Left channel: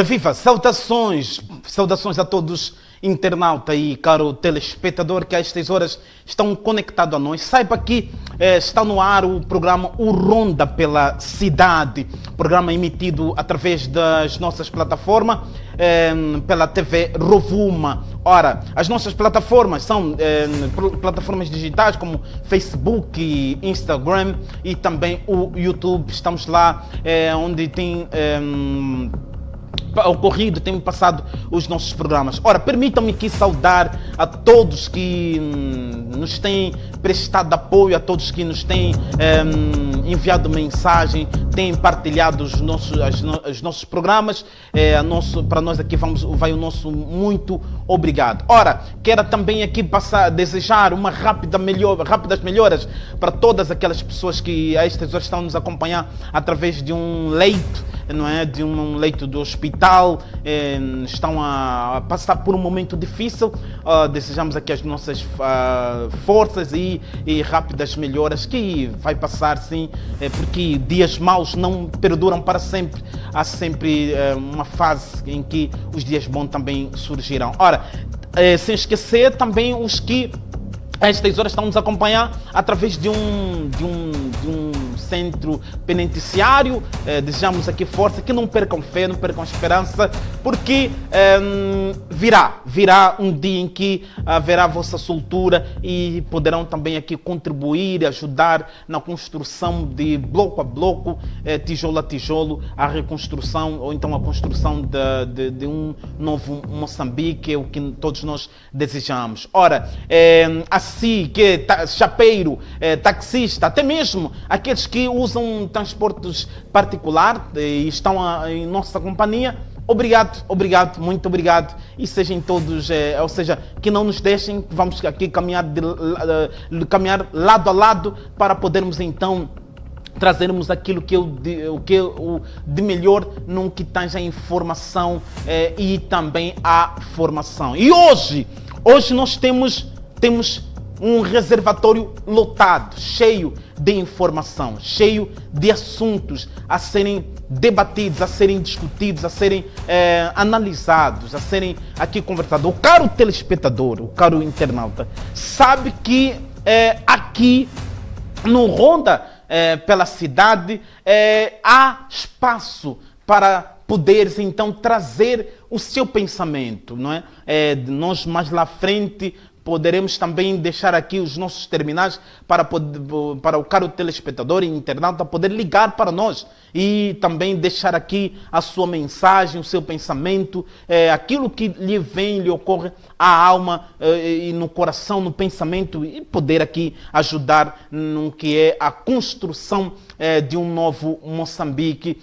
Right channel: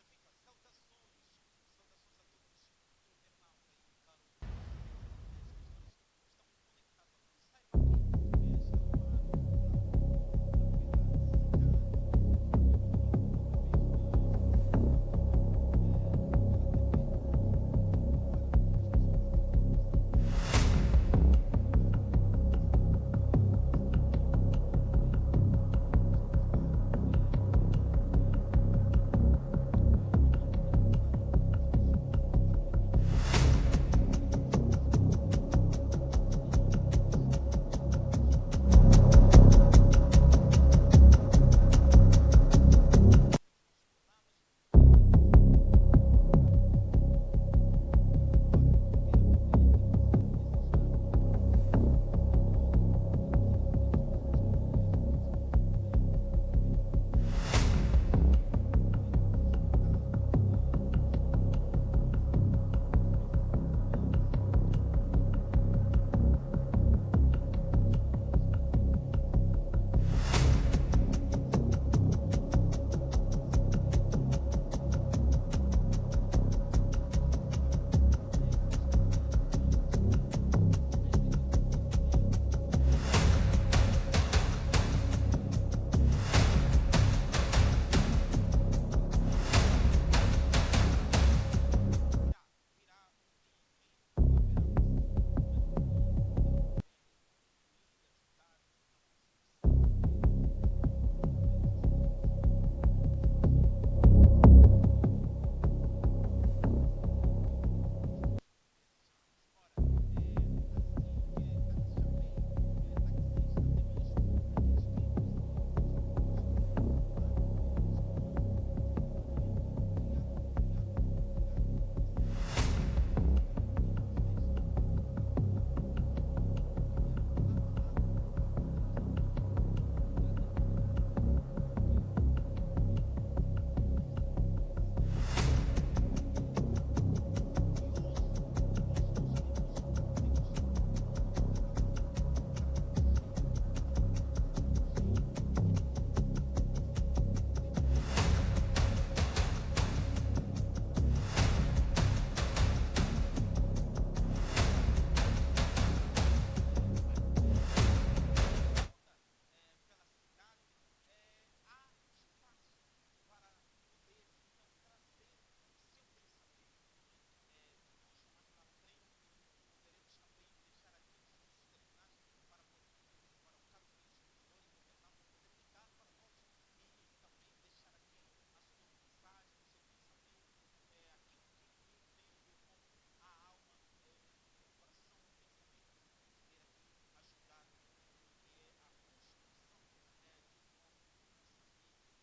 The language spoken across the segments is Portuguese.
Ora viva, saudações a todos internauta e caro telespectador que a estas horas estão conectados a nós. Saiba que está no ar o programa O Ronda pela Cidade, programa emitido através das nossas plataformas, pela TV Rovuma. Ora, as nossas plataformas são plataformas digitais como Facebook, Instagram e também o YouTube. Estamos lá onde tem ocorrido, temos passado os nossos programas. Ora, permitam-me aqui saudar a todos que nos têm prestado apoio, a todos que nos têm enviado mensagem, têm partilhado os nossos programas. Para nós aqui vai o nosso muito obrigado. Ora, quero também aqui desejar rápidas melhoras para todas aquelas pessoas que a estas horas estão nos acompanhar através de um leito, não é? De um leito do hospital, estão a passar por um momento difícil. Desejamos aqui as nossas forças e rápidas melhoras, que vai passar sim, porque dias maus não perduram para sempre. Há sempre uma fase em que os dias bons também surgirão. Ora, sem esquecer também os que a estas horas estão nos a acompanhar através de um centro penitenciário. Desejamos aqui força, que não percam fé, não percam esperança, porque virá um dia em que haverá a vossa soltura e poderão também aqui contribuir, ajudar na construção de bloco a bloco, tijolo a tijolo, a reconstrução ou então a construção de um novo Moçambique, é o que todos nós desejamos. Ora, assim que chapeiro, taxista, até mesmo aqueles que usam transportes particulares e estão em nossa companhia, obrigado, muito obrigado, e sejam todos, ou seja, que não nos deixem, vamos aqui caminhar lado a lado para podermos então trazermos aquilo que de melhor no que tange a informação e também a formação. E hoje nós temos um reservatório lotado, cheio de informação, cheio de assuntos a serem debatidos, a serem discutidos, a serem analisados, a serem aqui conversados. O caro telespectador, o caro internauta, sabe que aqui no Ronda pela Cidade há espaço para poderes então trazer o seu pensamento, não é? Nós mais lá à frente poderemos também deixar aqui os nossos terminais para o caro telespectador e internauta poder ligar para nós e também deixar aqui a sua mensagem, o seu pensamento, aquilo que lhe ocorre à alma e no coração, no pensamento, e poder aqui ajudar no que é a construção de um novo Moçambique.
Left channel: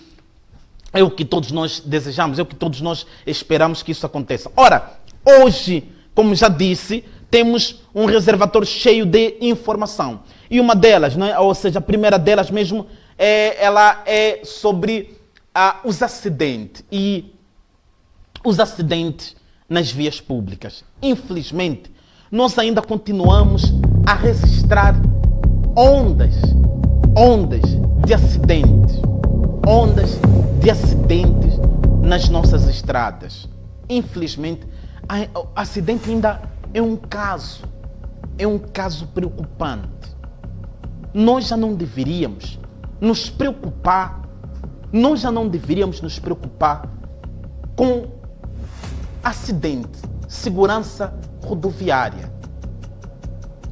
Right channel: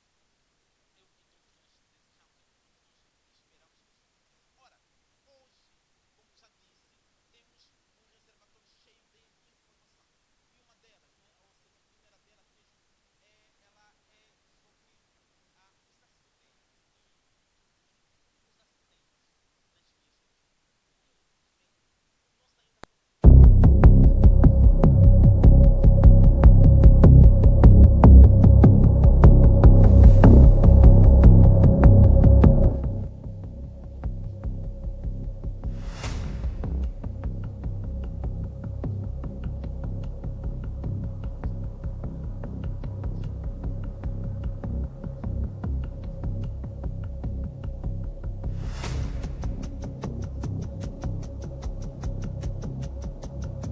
É o que todos nós desejamos, é o que todos nós esperamos que isso aconteça. Ora, hoje, como já disse, temos um reservatório cheio de informação. E uma delas, né, ou seja, a primeira delas mesmo, ela é sobre os acidentes. E os acidentes nas vias públicas. Infelizmente, nós ainda continuamos a registrar ondas de acidentes. Ondas de acidentes nas nossas estradas. Infelizmente, o acidente ainda é um caso preocupante. Nós já não deveríamos nos preocupar com acidente, segurança rodoviária.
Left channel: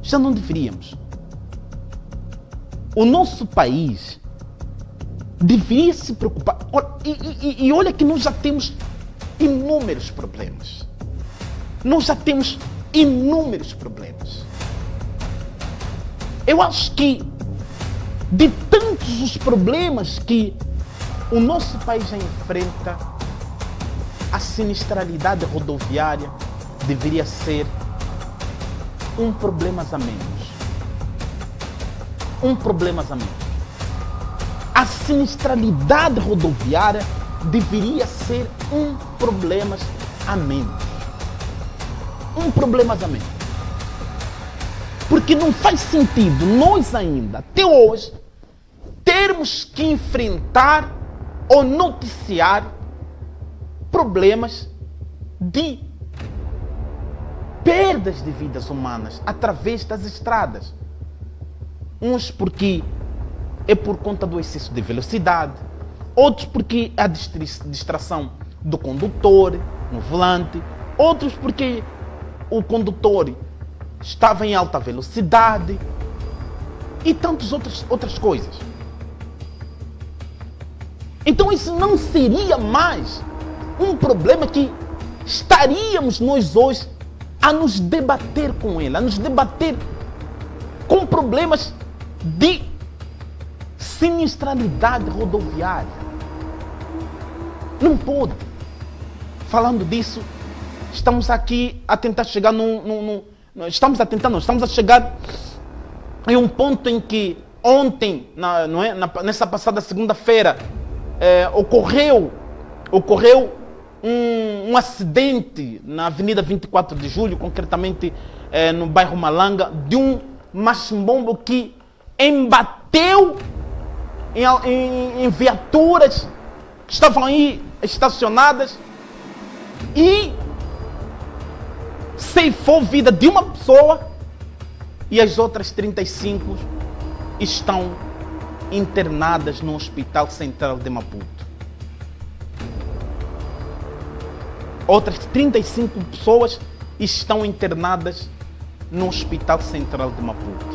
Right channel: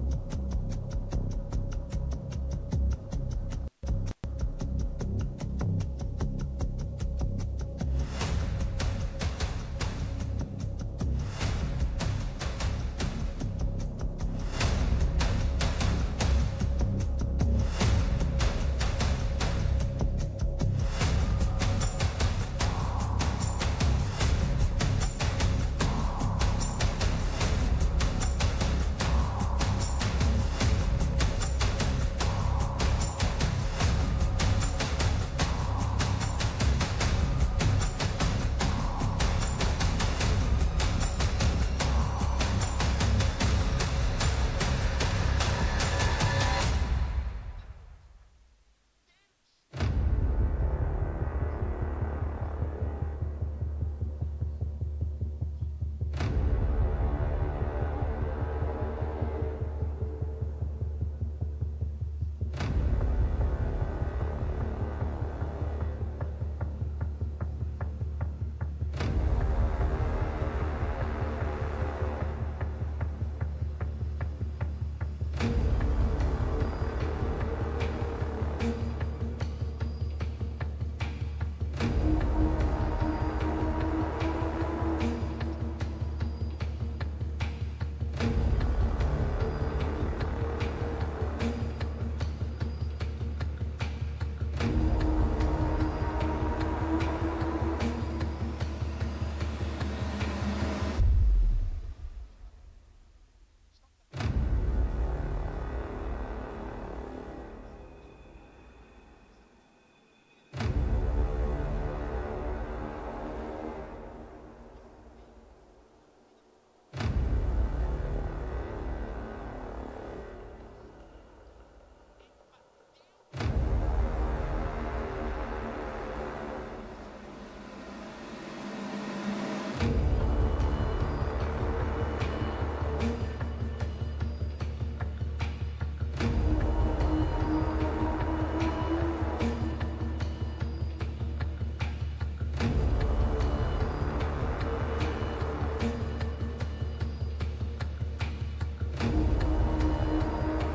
Já não deveríamos. O nosso país deveria se preocupar. E olha que nós já temos inúmeros problemas. Eu acho que de tantos os problemas que o nosso país já enfrenta, a sinistralidade rodoviária deveria ser um problema a menos. A sinistralidade rodoviária deveria ser um problema a menos. Porque não faz sentido nós ainda, até hoje, termos que enfrentar ou noticiar problemas de perdas de vidas humanas através das estradas. Uns porque é por conta do excesso de velocidade, outros porque a distração do condutor no volante, outros porque o condutor estava em alta velocidade e tantas outras coisas. Então isso não seria mais um problema que estaríamos nós hoje a nos debater com ele, a nos debater com problemas de sinistralidade rodoviária. Não pode. Falando disso, estamos aqui a tentar chegar estamos a chegar em um ponto em que ontem, nessa passada segunda-feira, ocorreu um acidente na Avenida 24 de Julho, concretamente no bairro Malanga, de um machimbombo que embateu em viaturas que estavam aí estacionadas e ceifou vida de uma pessoa, e as outras 35 estão internadas no Hospital Central de Maputo. Outras 35 pessoas estão internadas no Hospital Central de Maputo.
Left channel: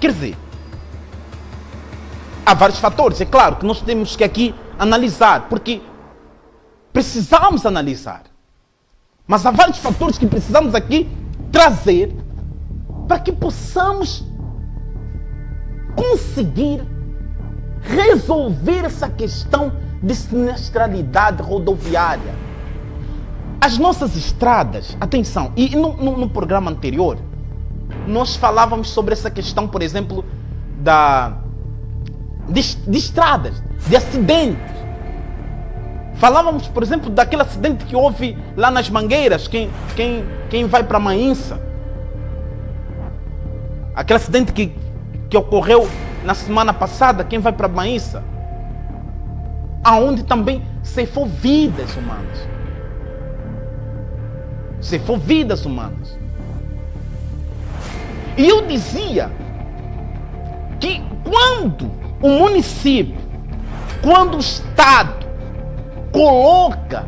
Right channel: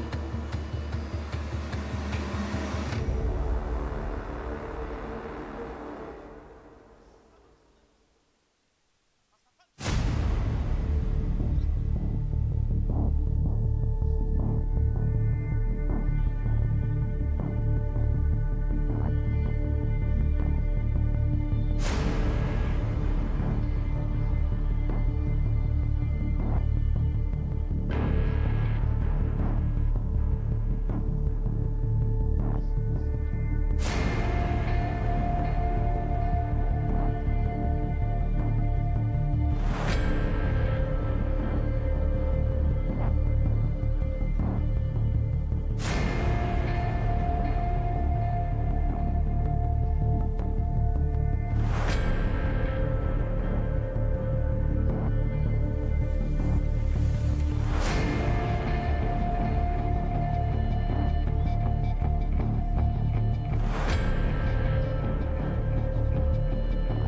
Quer dizer, há vários fatores, é claro, que nós temos que aqui analisar, porque precisamos analisar. Mas há vários fatores que precisamos aqui trazer para que possamos conseguir resolver essa questão de sinistralidade rodoviária. As nossas estradas, atenção, e no programa anterior, nós falávamos sobre essa questão, por exemplo, de estradas, de acidentes. Falávamos, por exemplo, daquele acidente que houve lá nas Mangueiras, quem vai para Maínça. Aquele acidente que ocorreu na semana passada, quem vai para Maínça. Aonde também ceifou vidas humanas. Ceifou vidas humanas. E eu dizia que quando o município, quando o Estado coloca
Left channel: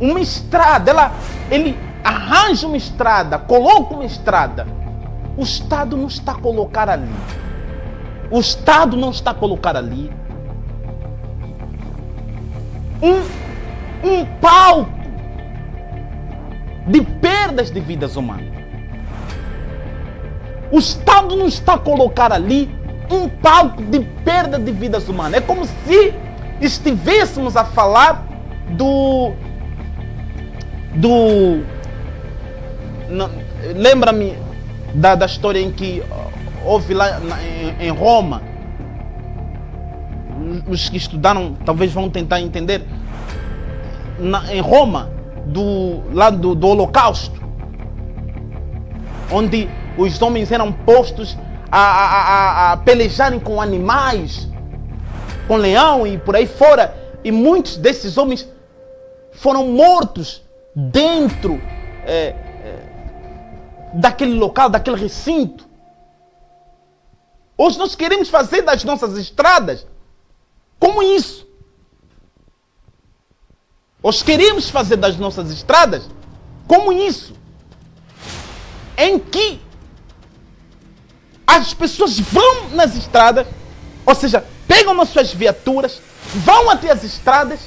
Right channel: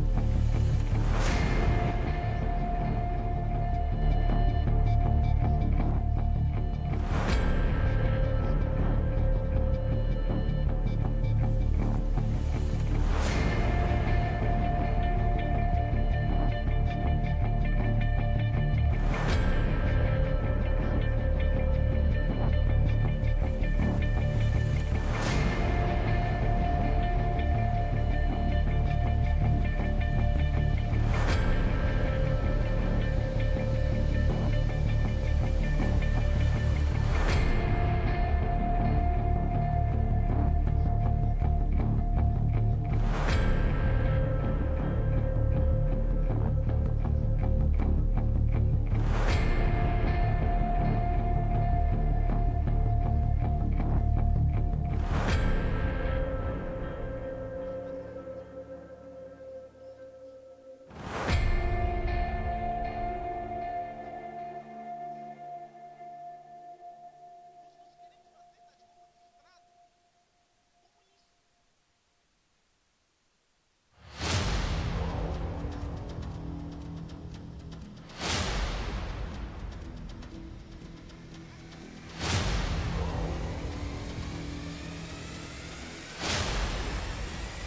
uma estrada, ele arranja uma estrada, coloca uma estrada, o Estado não está a colocar ali. O Estado não está a colocar ali um palco de perdas de vidas humanas. O Estado não está a colocar ali um palco de perda de vidas humanas. É como se estivéssemos a falar lembra-me da história em que houve lá em Roma. Os que estudaram talvez vão tentar entender. Em Roma, do Holocausto, onde os homens eram postos a pelejarem com animais, com leão e por aí fora, e muitos desses homens foram mortos dentro daquele local, daquele recinto. Hoje nós queremos fazer das nossas estradas como isso. Hoje queremos fazer das nossas estradas como isso, em que as pessoas vão nas estradas, ou seja, pegam nas suas viaturas, vão até as estradas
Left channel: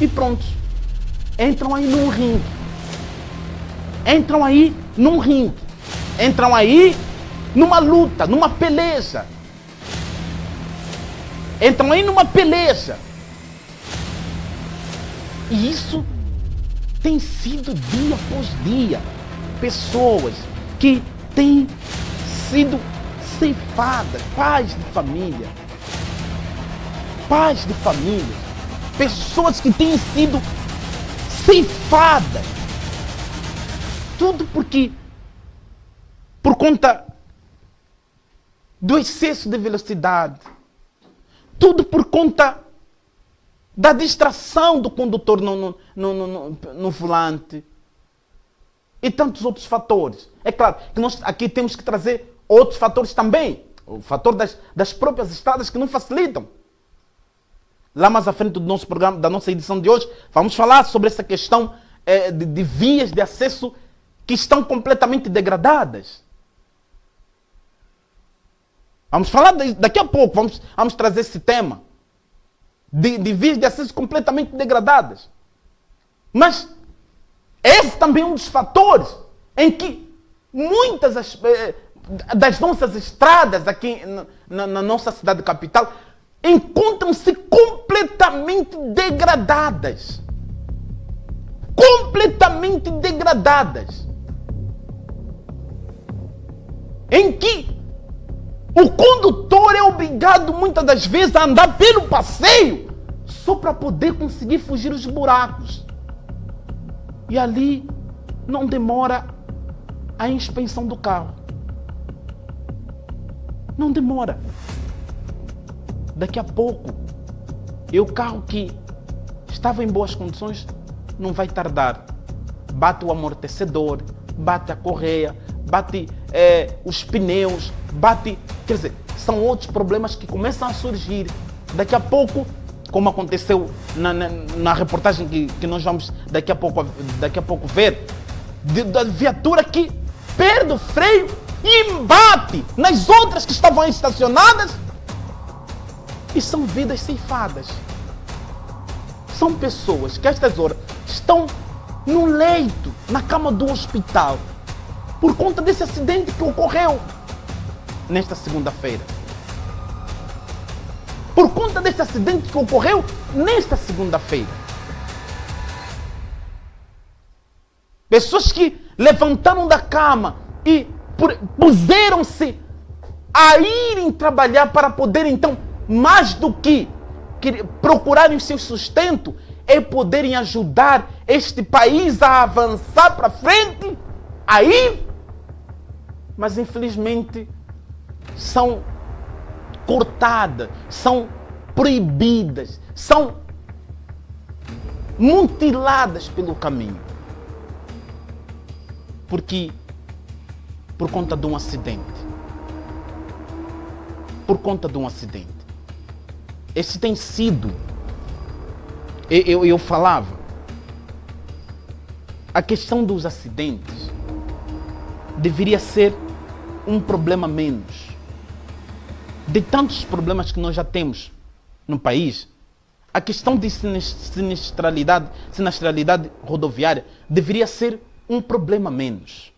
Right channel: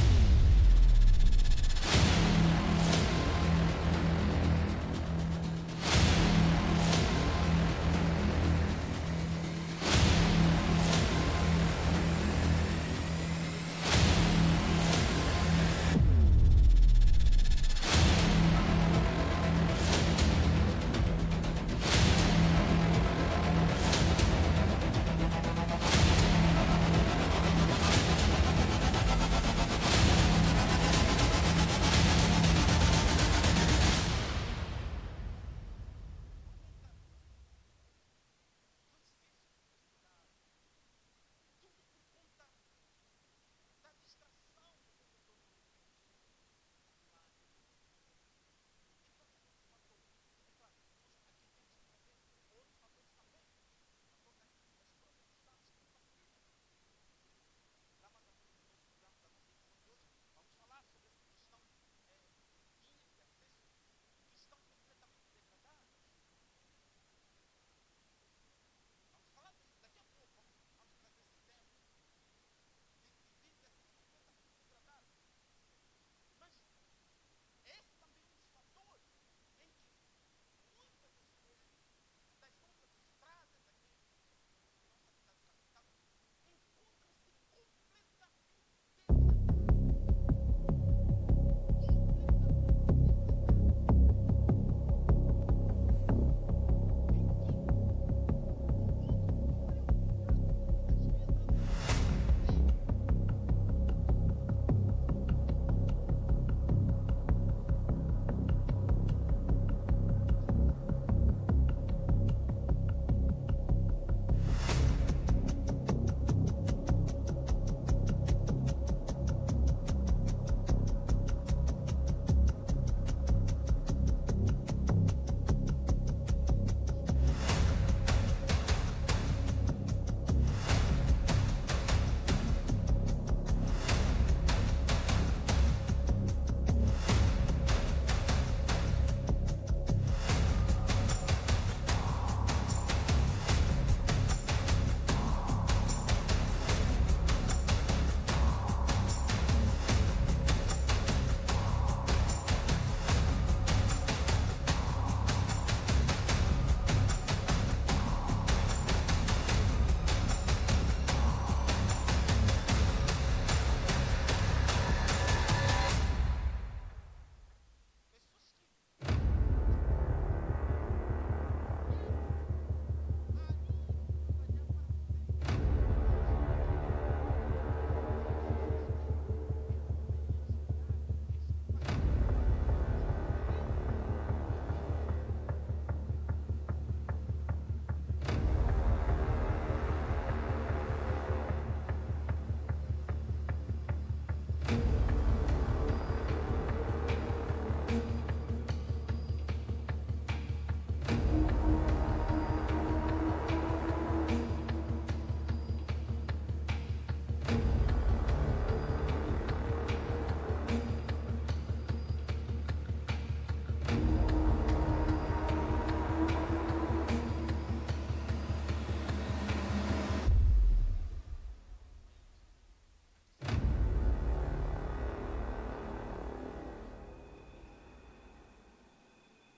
e pronto. Entram aí num ringue. Entram aí num ringue. Entram aí numa luta, numa peleja. Entram aí numa peleja. E isso tem sido dia após dia. Pessoas que têm sido ceifadas, pais de família. Pais de família. Pessoas que têm sido ceifadas. Tudo por conta do excesso de velocidade. Tudo por conta da distração do condutor no volante e tantos outros fatores. É claro que nós aqui temos que trazer outros fatores também. O fator das próprias estradas que não facilitam. Lá mais à frente do nosso programa, da nossa edição de hoje, vamos falar sobre essa questão de vias de acesso que estão completamente degradadas. Vamos falar daqui a pouco, vamos trazer esse tema de vias de acesso completamente degradadas. Mas esse também é um dos fatores em que muitas das nossas estradas aqui na nossa cidade capital encontram-se completamente degradadas. Completamente degradadas. Em que o condutor é obrigado muitas das vezes a andar pelo passeio só para poder conseguir fugir dos buracos. E ali não demora a inspeção do carro. Não demora. Daqui a pouco, o carro que estava em boas condições não vai tardar. Bate o amortecedor, bate a correia, bate os pneus, bate... Quer dizer, são outros problemas que começam a surgir. Daqui a pouco, como aconteceu na reportagem que nós vamos daqui a pouco ver, da viatura que perde o freio e bate nas outras que estavam estacionadas. E são vidas ceifadas. São pessoas que a estas horas estão no leito, na cama do hospital, por conta desse acidente que ocorreu nesta segunda-feira. Por conta desse acidente que ocorreu nesta segunda-feira. Pessoas que levantaram da cama e puseram-se a irem trabalhar para poder então, mais do que procurarem o seu sustento, é poderem ajudar este país a avançar para frente, aí, mas infelizmente são cortadas, são proibidas, são mutiladas pelo caminho. Porque por conta de um acidente. Por conta de um acidente. Esse tem sido, eu falava, a questão dos acidentes deveria ser um problema menos. De tantos problemas que nós já temos no país, a questão de sinistralidade rodoviária deveria ser um problema menos.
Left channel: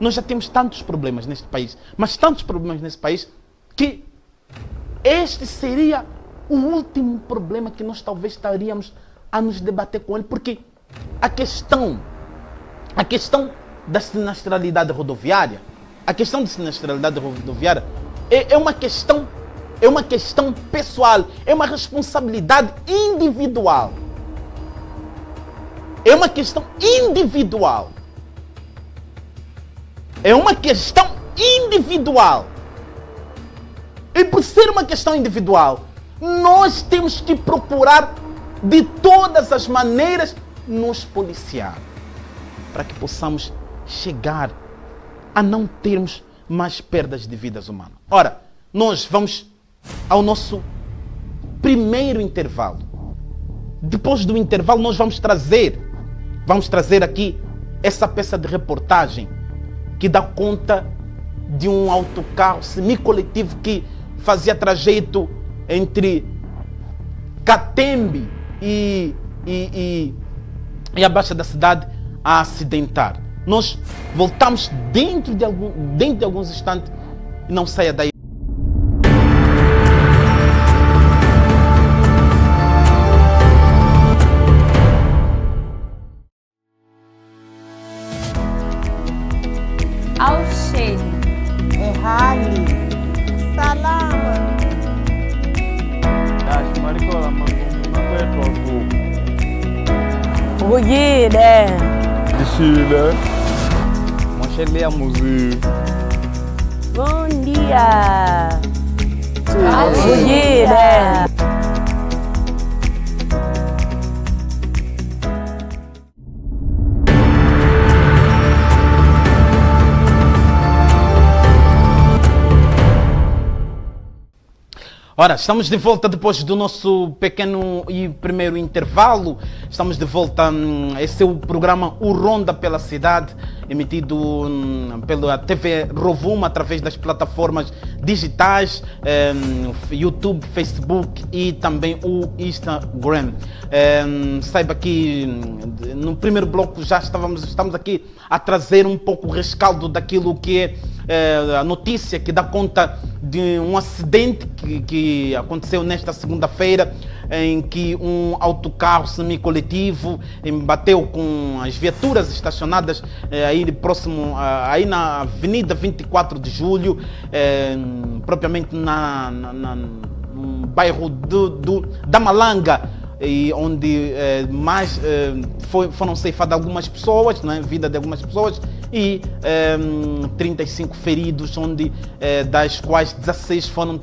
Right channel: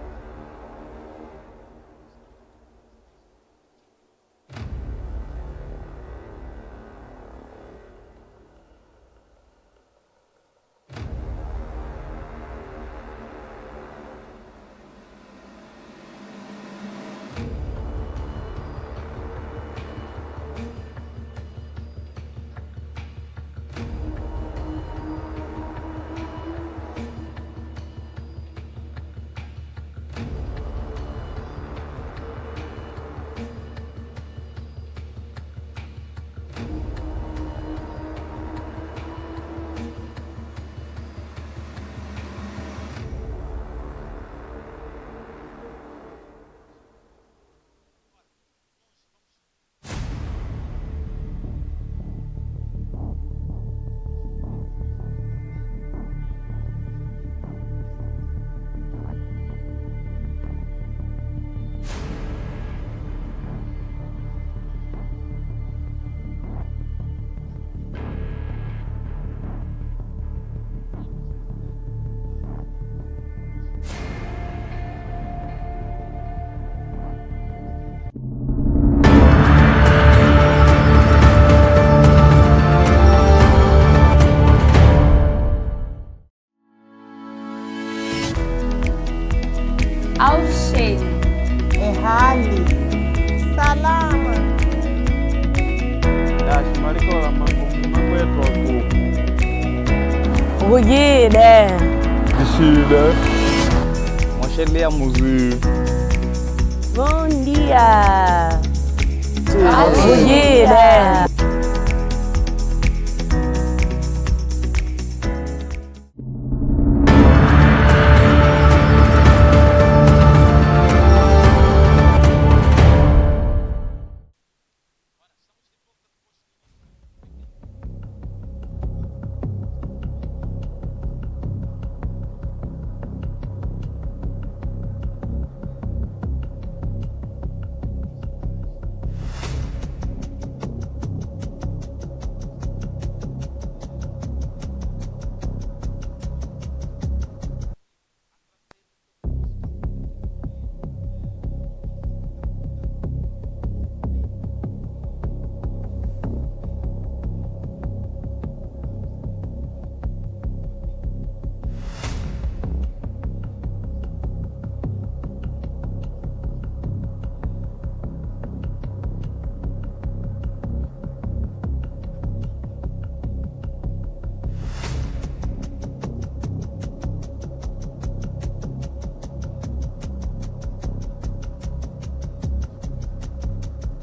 Nós já temos tantos problemas neste país, mas tantos problemas nesse país, que este seria o último problema que nós talvez estaríamos a nos debater com ele, porque a questão da sinistralidade rodoviária, é uma questão pessoal, é uma responsabilidade individual. É uma questão individual. É uma questão individual. E por ser uma questão individual, nós temos que procurar de todas as maneiras nos policiar para que possamos chegar a não termos mais perdas de vidas humanas. Ora, nós vamos ao nosso primeiro intervalo. Depois do intervalo, nós vamos trazer aqui essa peça de reportagem que dá conta de um autocarro semicoletivo que fazia trajeto entre Catembe e a Baixa da cidade a acidentar. Nós voltamos dentro de alguns instantes e não saia daí. Auxílio. Ehali. Salama. Dash marikola magwetu aku. Bugide. Dishile. Mwashelia muzi. Bom dia. Bugide. Ora, estamos de volta depois do nosso pequeno e primeiro intervalo. Estamos de volta. Esse é o programa O Ronda pela Cidade, emitido pela TV Rovuma através das plataformas digitais, YouTube, Facebook e também o Instagram. Saiba que no primeiro bloco já estamos aqui a trazer um pouco o rescaldo daquilo que é a notícia que dá conta de um acidente que aconteceu nesta segunda-feira, em que um autocarro semicoletivo bateu com as viaturas estacionadas aí próximo, aí na Avenida 24 de Julho, propriamente no bairro da Malanga, e onde foram ceifadas algumas pessoas, né, vida de algumas pessoas, e 35 feridos, onde das quais 16 foram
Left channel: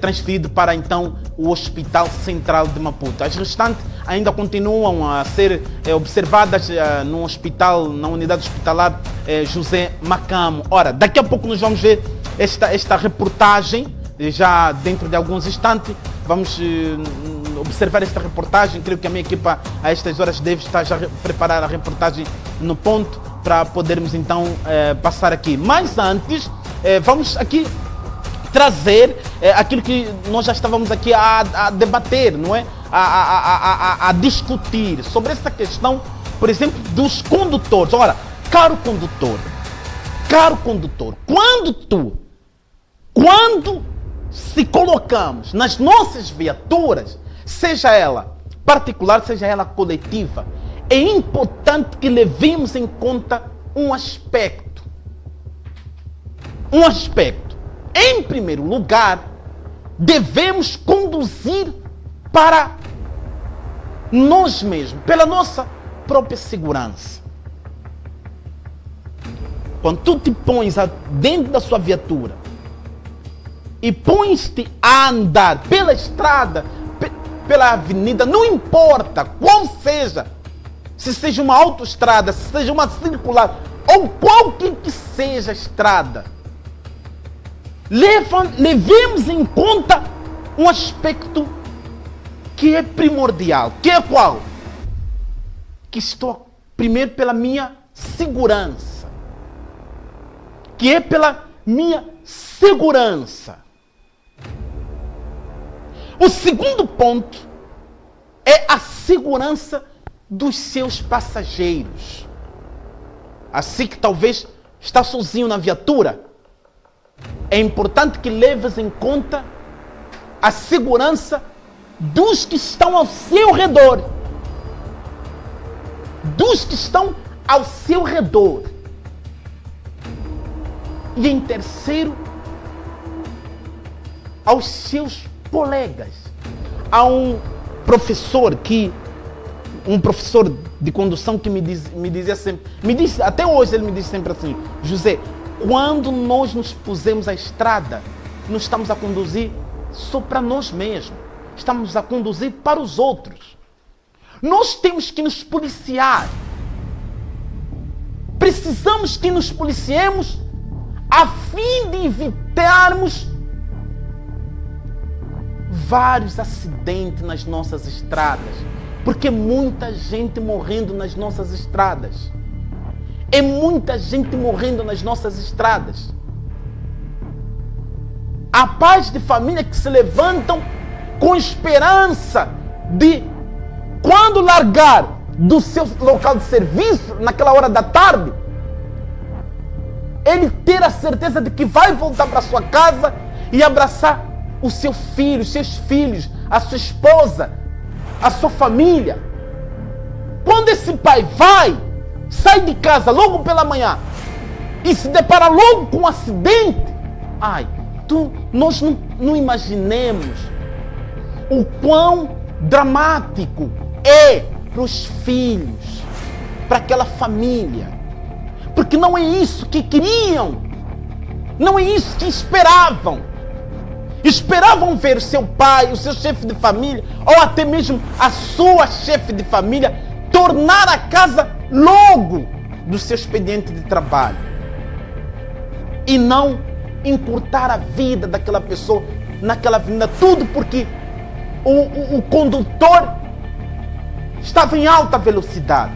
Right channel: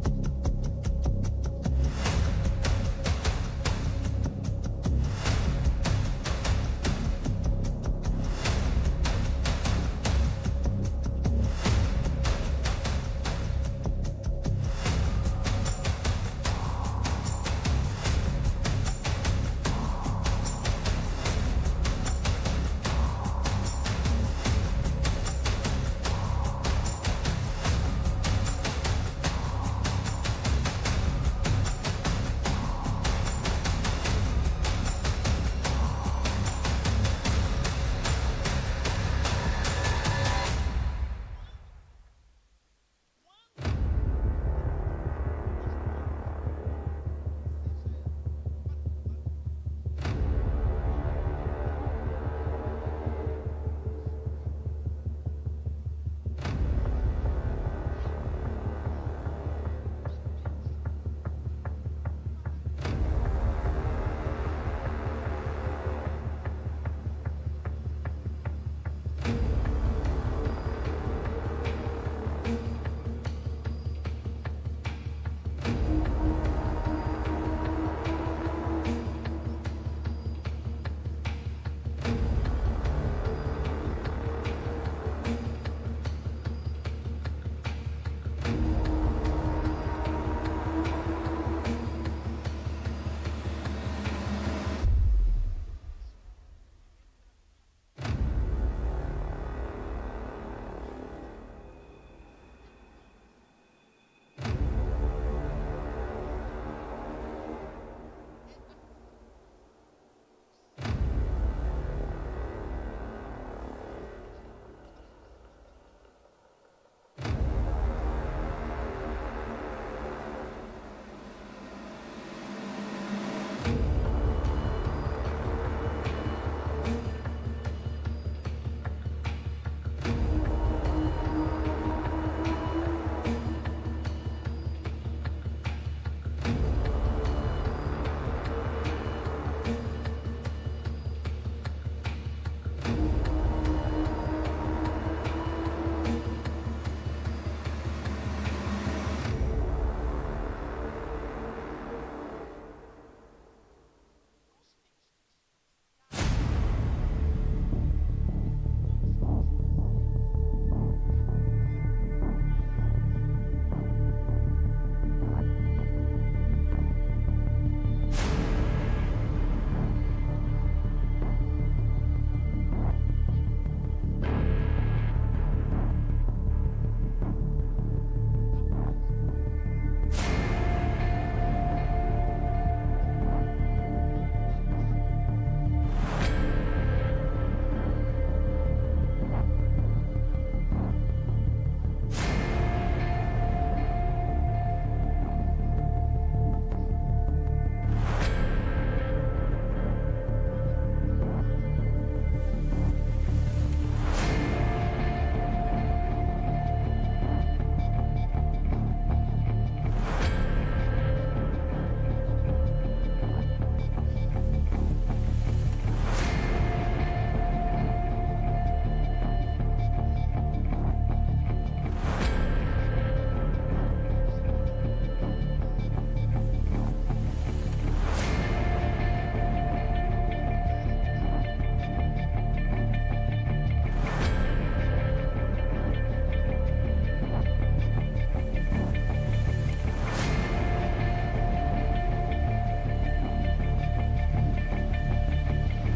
transferidos para então o Hospital Central de Maputo. As restantes ainda continuam a ser observadas no hospital, na unidade hospitalar José Macamo. Ora, daqui a pouco nós vamos ver esta reportagem, já dentro de alguns instantes. Vamos observar esta reportagem. Creio que a minha equipa a estas horas deve estar já a preparar a reportagem no ponto para podermos então passar aqui. Mas antes, vamos aqui trazer aquilo que nós já estávamos aqui a debater, não é? A discutir sobre essa questão, por exemplo, dos condutores. Ora, caro condutor, quando se colocamos nas nossas viaturas, seja ela particular, seja ela coletiva, é importante que levemos em conta um aspecto. Em primeiro lugar, devemos conduzir para nós mesmos, pela nossa própria segurança. Quando tu te pões dentro da sua viatura e pões-te a andar pela estrada, pela avenida, não importa qual seja, se seja uma autoestrada, se seja uma circular, ou qualquer que seja a estrada, levemos em conta um aspecto que é primordial, que é qual? Que estou primeiro pela minha segurança. Que é pela minha segurança. O segundo ponto é a segurança dos seus passageiros. Assim que talvez está sozinho na viatura, é importante que leves em conta a segurança dos que estão ao seu redor. Dos que estão ao seu redor. E em terceiro, aos seus colegas. Há um professor de condução que me dizia sempre, até hoje ele me diz sempre assim: José, quando nós nos pusemos à estrada, não estamos a conduzir só para nós mesmos, estamos a conduzir para os outros. Nós temos que nos policiar. Precisamos que nos policiemos a fim de evitarmos vários acidentes nas nossas estradas, porque é muita gente morrendo nas nossas estradas. É muita gente morrendo nas nossas estradas. Há pais de família que se levantam com esperança de, quando largar do seu local de serviço, naquela hora da tarde, ele ter a certeza de que vai voltar para sua casa e abraçar o seu filho, os seus filhos, a sua esposa, a sua família. Quando esse pai sai de casa logo pela manhã e se depara logo com um acidente, nós não imaginemos o quão dramático é para os filhos, para aquela família. Porque não é isso que queriam, não é isso que esperavam. Esperavam ver o seu pai, o seu chefe de família, ou até mesmo a sua chefe de família, tornar a casa logo do seu expediente de trabalho. E não encurtar a vida daquela pessoa naquela avenida, tudo porque o condutor estava em alta velocidade.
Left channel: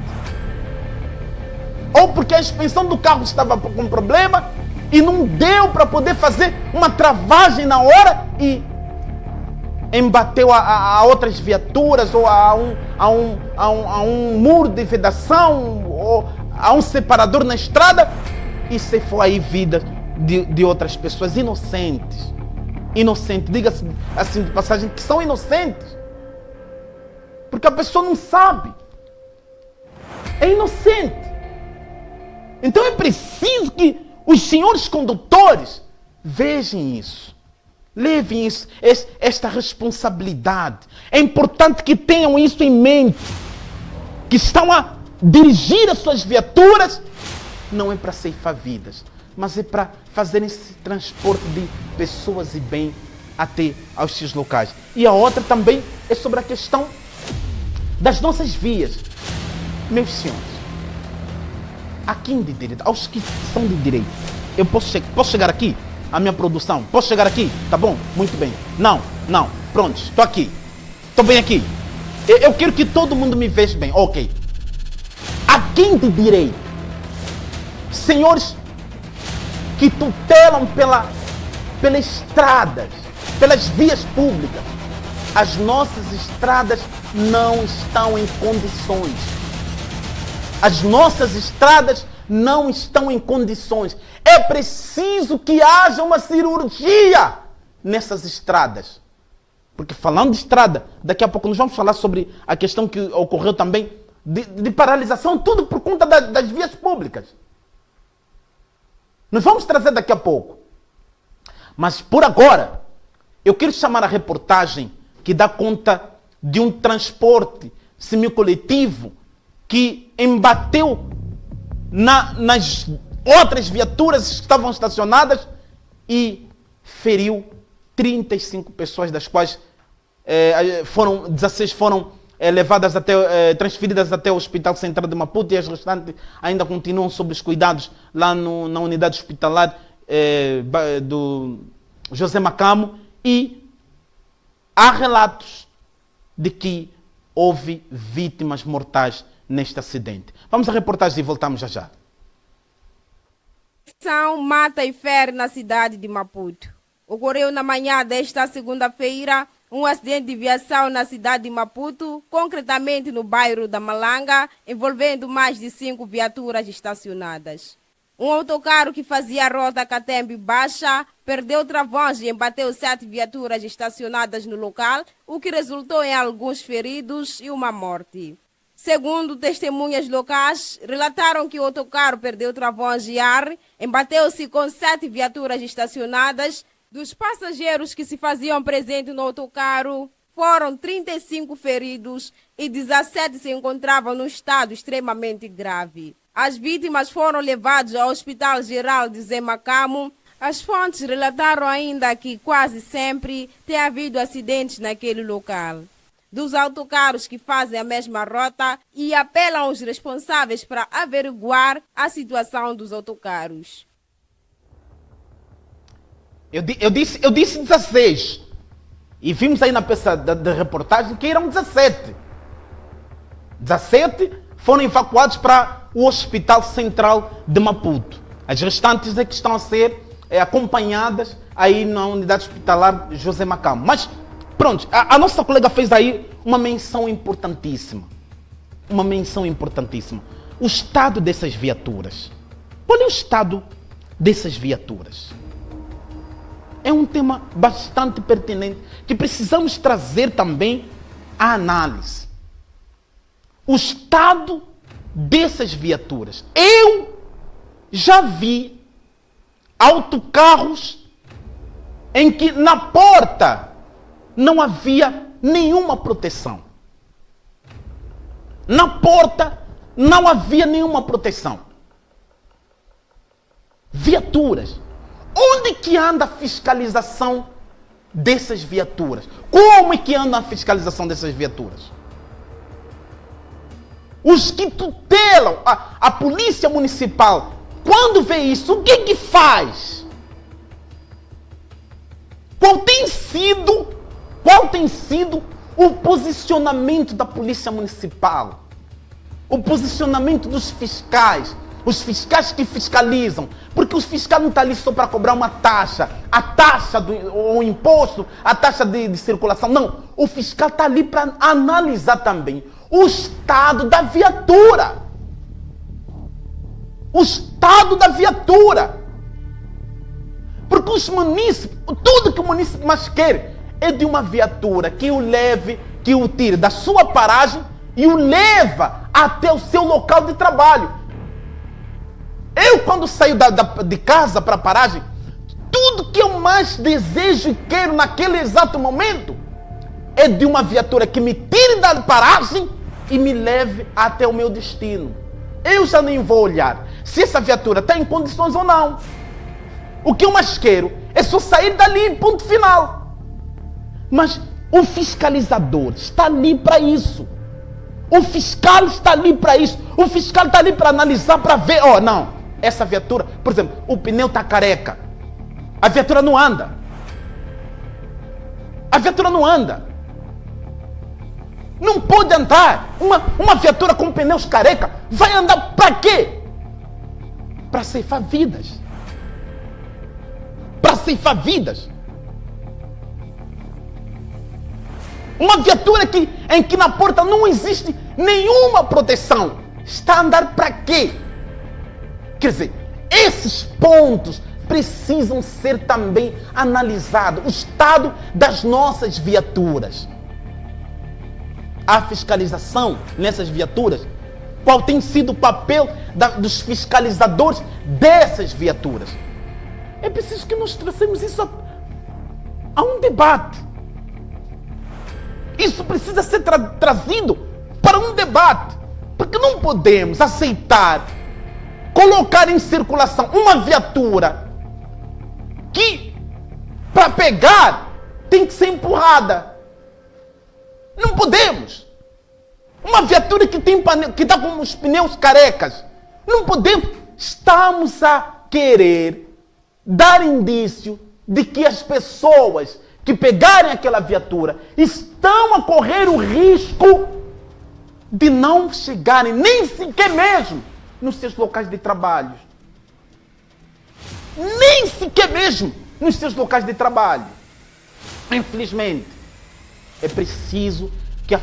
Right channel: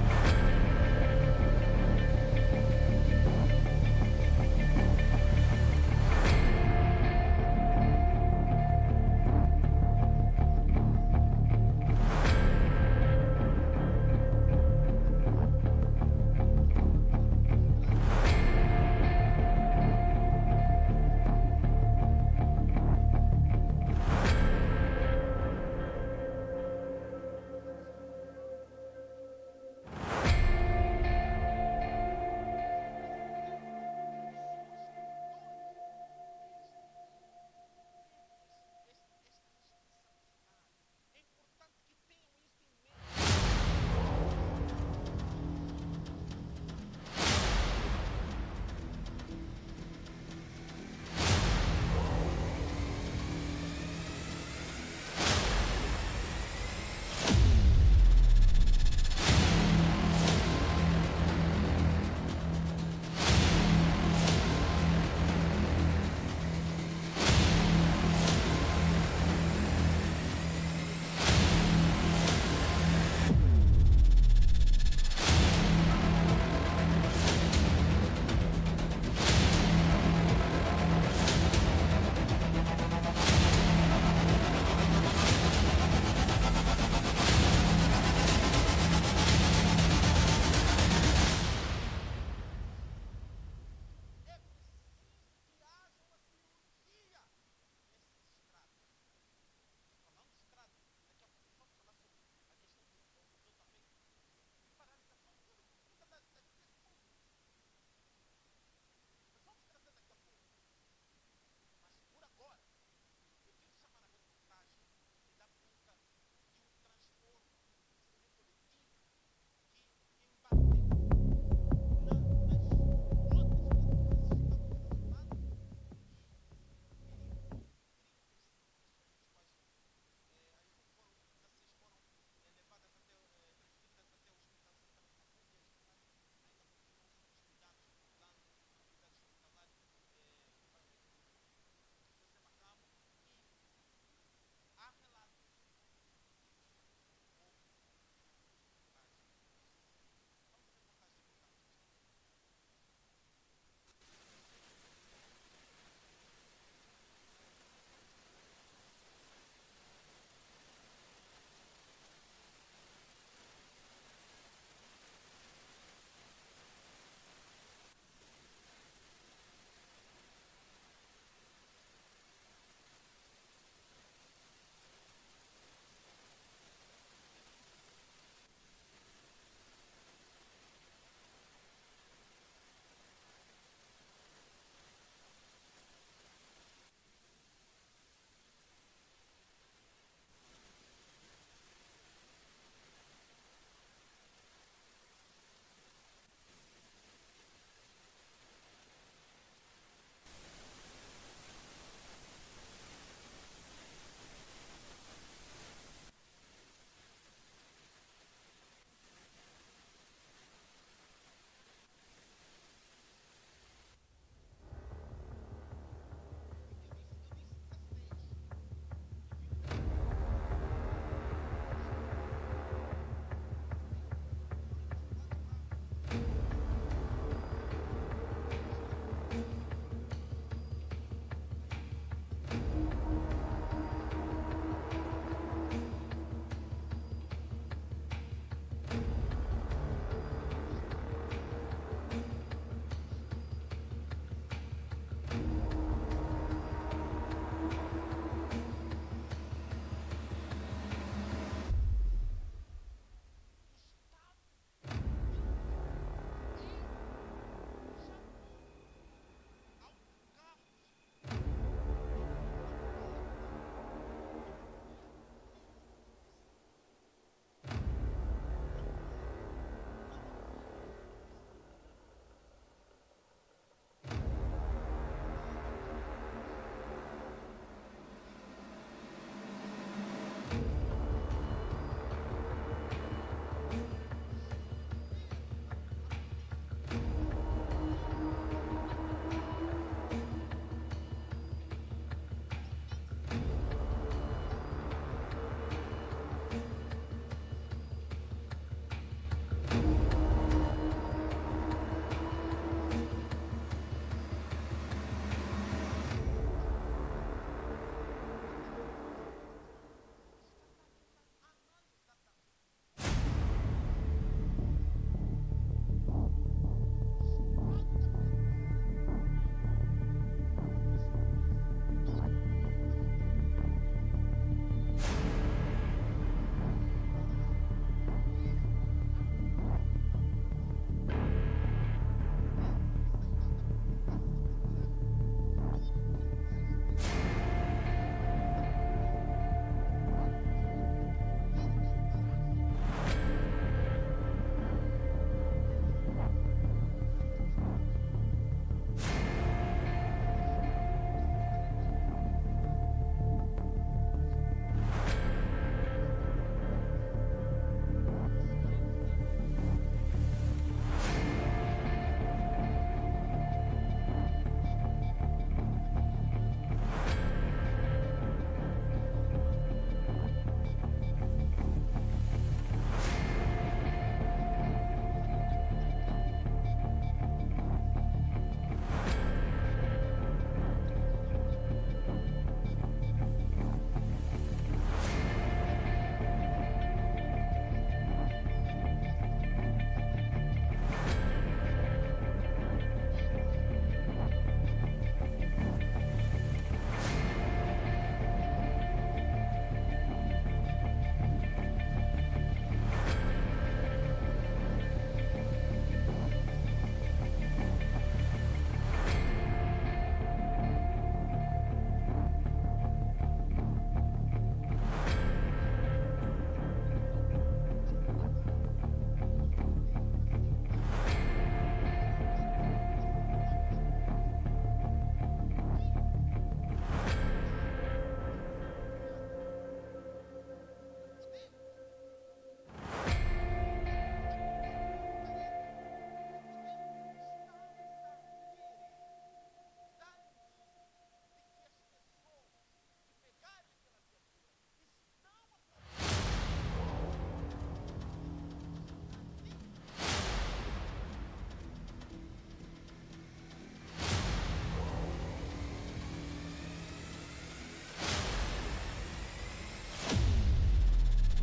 Ou porque a suspensão do carro estava com problema e não deu para poder fazer uma travagem na hora e embateu a outras viaturas ou a um muro de vedação ou a um separador na estrada e ceifou aí vida de outras pessoas inocentes. Inocentes, diga-se assim de passagem, que são inocentes. Porque a pessoa não sabe. É inocente. Então é preciso que os senhores condutores vejam isso. Levem isso, esta responsabilidade. É importante que tenham isso em mente. Que estão a dirigir as suas viaturas, não é para ceifar vidas, mas é para fazer esse transporte de pessoas e bem até aos seus locais. E a outra também é sobre a questão das nossas vias. Meus senhores, a quem de direito? Aos que são de direito. Eu posso chegar aqui? A minha produção, posso chegar aqui? Tá bom? Muito bem. Não, pronto, estou aqui. Estou bem aqui. Eu quero que todo mundo me veja bem. Ok. A quem de direito? Senhores que tutelam pelas estradas, pelas vias públicas. As nossas estradas não estão em condições. As nossas estradas não estão em condições. É preciso que haja uma cirurgia nessas estradas. Porque falando de estrada, daqui a pouco nós vamos falar sobre a questão que ocorreu também de paralisação, tudo por conta das vias públicas. Nós vamos trazer daqui a pouco. Mas por agora, eu quero chamar a reportagem que dá conta de um transporte semicoletivo que embateu nas outras viaturas que estavam estacionadas e feriu 35 pessoas, das quais 16 foram levadas transferidas até o Hospital Central de Maputo e as restantes ainda continuam sob os cuidados lá na unidade hospitalar do José Macamo, e há relatos de que houve vítimas mortais neste acidente. Vamos à reportagem e voltamos já já. Mata e fere na cidade de Maputo. Ocorreu na manhã desta segunda-feira um acidente de viação na cidade de Maputo, concretamente no bairro da Malanga, envolvendo mais de 5 viaturas estacionadas. Um autocarro que fazia a rota Catembe-Baixa perdeu travões e embateu 7 viaturas estacionadas no local, o que resultou em alguns feridos e uma morte. Segundo testemunhas locais, relataram que o autocarro perdeu travões e ar, embateu-se com 7 viaturas estacionadas. Dos passageiros que se faziam presentes no autocarro, foram 35 feridos e 17 se encontravam num estado extremamente grave. As vítimas foram levadas ao Hospital Geral de Zé Macamo. As fontes relataram ainda que quase sempre tem havido acidentes naquele local. Dos autocarros que fazem a mesma rota, e apelam aos responsáveis para averiguar a situação dos autocarros. Eu disse 16. E vimos aí na peça da reportagem que eram 17. 17 foram evacuados para o Hospital Central de Maputo. As restantes é que estão a ser acompanhadas aí na unidade hospitalar José Macamo. Mas pronto, a nossa colega fez aí uma menção importantíssima. Uma menção importantíssima. O estado dessas viaturas. Qual é o estado dessas viaturas? É um tema bastante pertinente que precisamos trazer também à análise. O estado dessas viaturas. Eu já vi autocarros em que na porta não havia nenhuma proteção. Na porta não havia nenhuma proteção. Viaturas. Onde que anda a fiscalização dessas viaturas? Como é que anda a fiscalização dessas viaturas? Os que tutelam a polícia municipal, quando vê isso, o que que faz? qual tem sido o posicionamento da Polícia Municipal? O posicionamento dos fiscais, os fiscais que fiscalizam, porque os fiscais não estão ali só para cobrar uma taxa, o imposto, a taxa de circulação, não. O fiscal está ali para analisar também o estado da viatura. O estado da viatura. Porque os munícipes, tudo que o munícipe mais quer é de uma viatura que o leve, que o tire da sua paragem e o leva até o seu local de trabalho. Eu, quando saio de casa para a paragem, tudo que eu mais desejo e quero naquele exato momento é de uma viatura que me tire da paragem e me leve até o meu destino. Eu já nem vou olhar se essa viatura está em condições ou não. O que eu mais quero é só sair dali, ponto final. Mas o fiscalizador está ali para isso. O fiscal está ali para isso. O fiscal está ali para analisar, para ver. Não, essa viatura, por exemplo, o pneu está careca. A viatura não anda. A viatura não anda. Não pode andar. Uma viatura com pneus careca vai andar para quê? Para ceifar vidas. Para ceifar vidas. Uma viatura em que na porta não existe nenhuma proteção. Está a andar para quê? Quer dizer, esses pontos precisam ser também analisados. O estado das nossas viaturas. A fiscalização nessas viaturas. Qual tem sido o papel dos fiscalizadores dessas viaturas? É preciso que nós trouxemos isso a um debate. Isso precisa ser trazido para um debate. Porque não podemos aceitar colocar em circulação uma viatura que, para pegar, tem que ser empurrada. Não podemos. Uma viatura que está com os pneus carecas. Não podemos. Estamos a querer dar indício de que as pessoas que pegarem aquela viatura estão a correr o risco de não chegarem nem sequer mesmo nos seus locais de trabalho. Nem sequer mesmo nos seus locais de trabalho. Infelizmente, é preciso que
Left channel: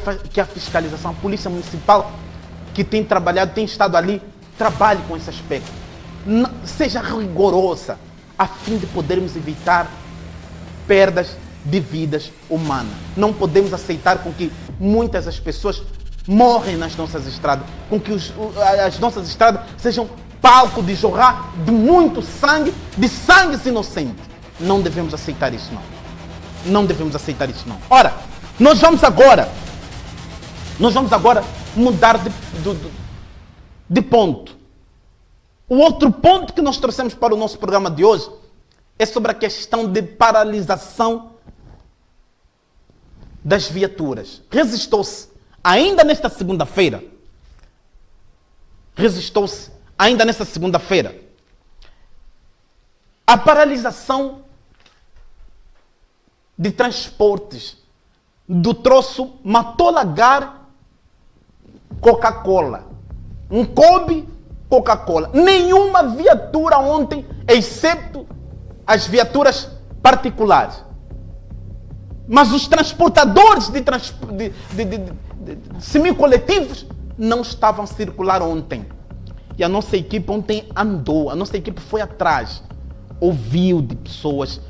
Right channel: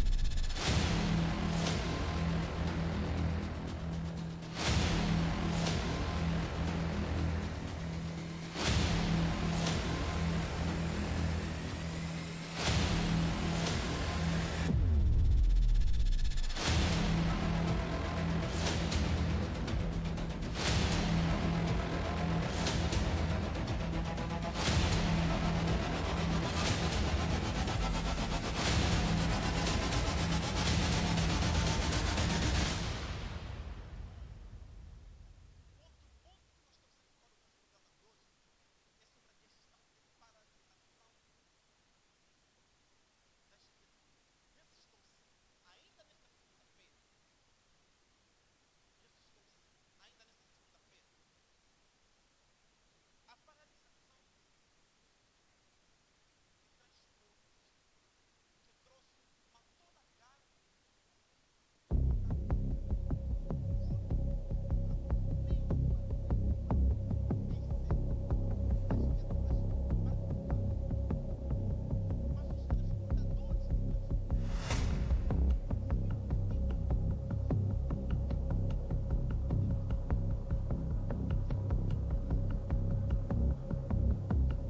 a fiscalização, a Polícia Municipal que tem trabalhado, tem estado ali, trabalhe com esse aspecto. Seja rigorosa, a fim de podermos evitar perdas de vidas humanas. Não podemos aceitar com que muitas das pessoas morrem nas nossas estradas, com que as nossas estradas sejam palco de jorrar de muito sangue, de sangues inocentes. Não devemos aceitar isso, não. Não devemos aceitar isso, não. Ora, nós vamos agora mudar de ponto. O outro ponto que nós trouxemos para o nosso programa de hoje é sobre a questão de paralisação das viaturas. Resistou-se ainda nesta segunda-feira a paralisação de transportes do troço Matolagar Coca-Cola. Um Kobe Coca-Cola. Nenhuma viatura ontem, exceto as viaturas particulares. Mas os transportadores de semicoletivos não estavam a circular ontem. E a nossa equipe ontem andou, a nossa equipe foi atrás, ouviu de pessoas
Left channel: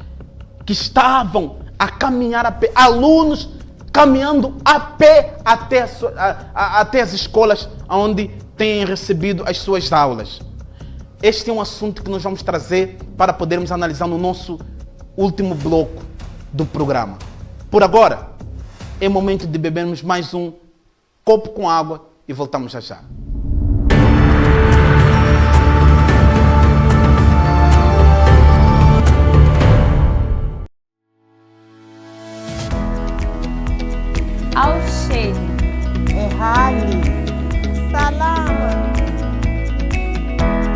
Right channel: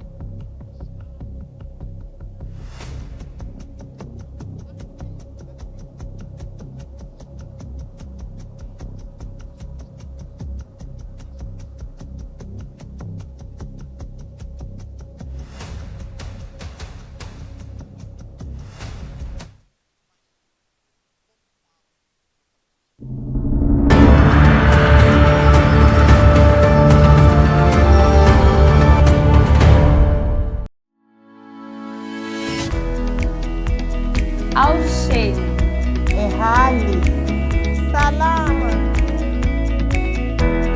que estavam a caminhar a pé, alunos caminhando a pé até as escolas onde têm recebido as suas aulas. Este é um assunto que nós vamos trazer para podermos analisar no nosso último bloco do programa. Por agora, é momento de bebermos mais um copo com água e voltamos já já. Auxílio. Ehali. Salama.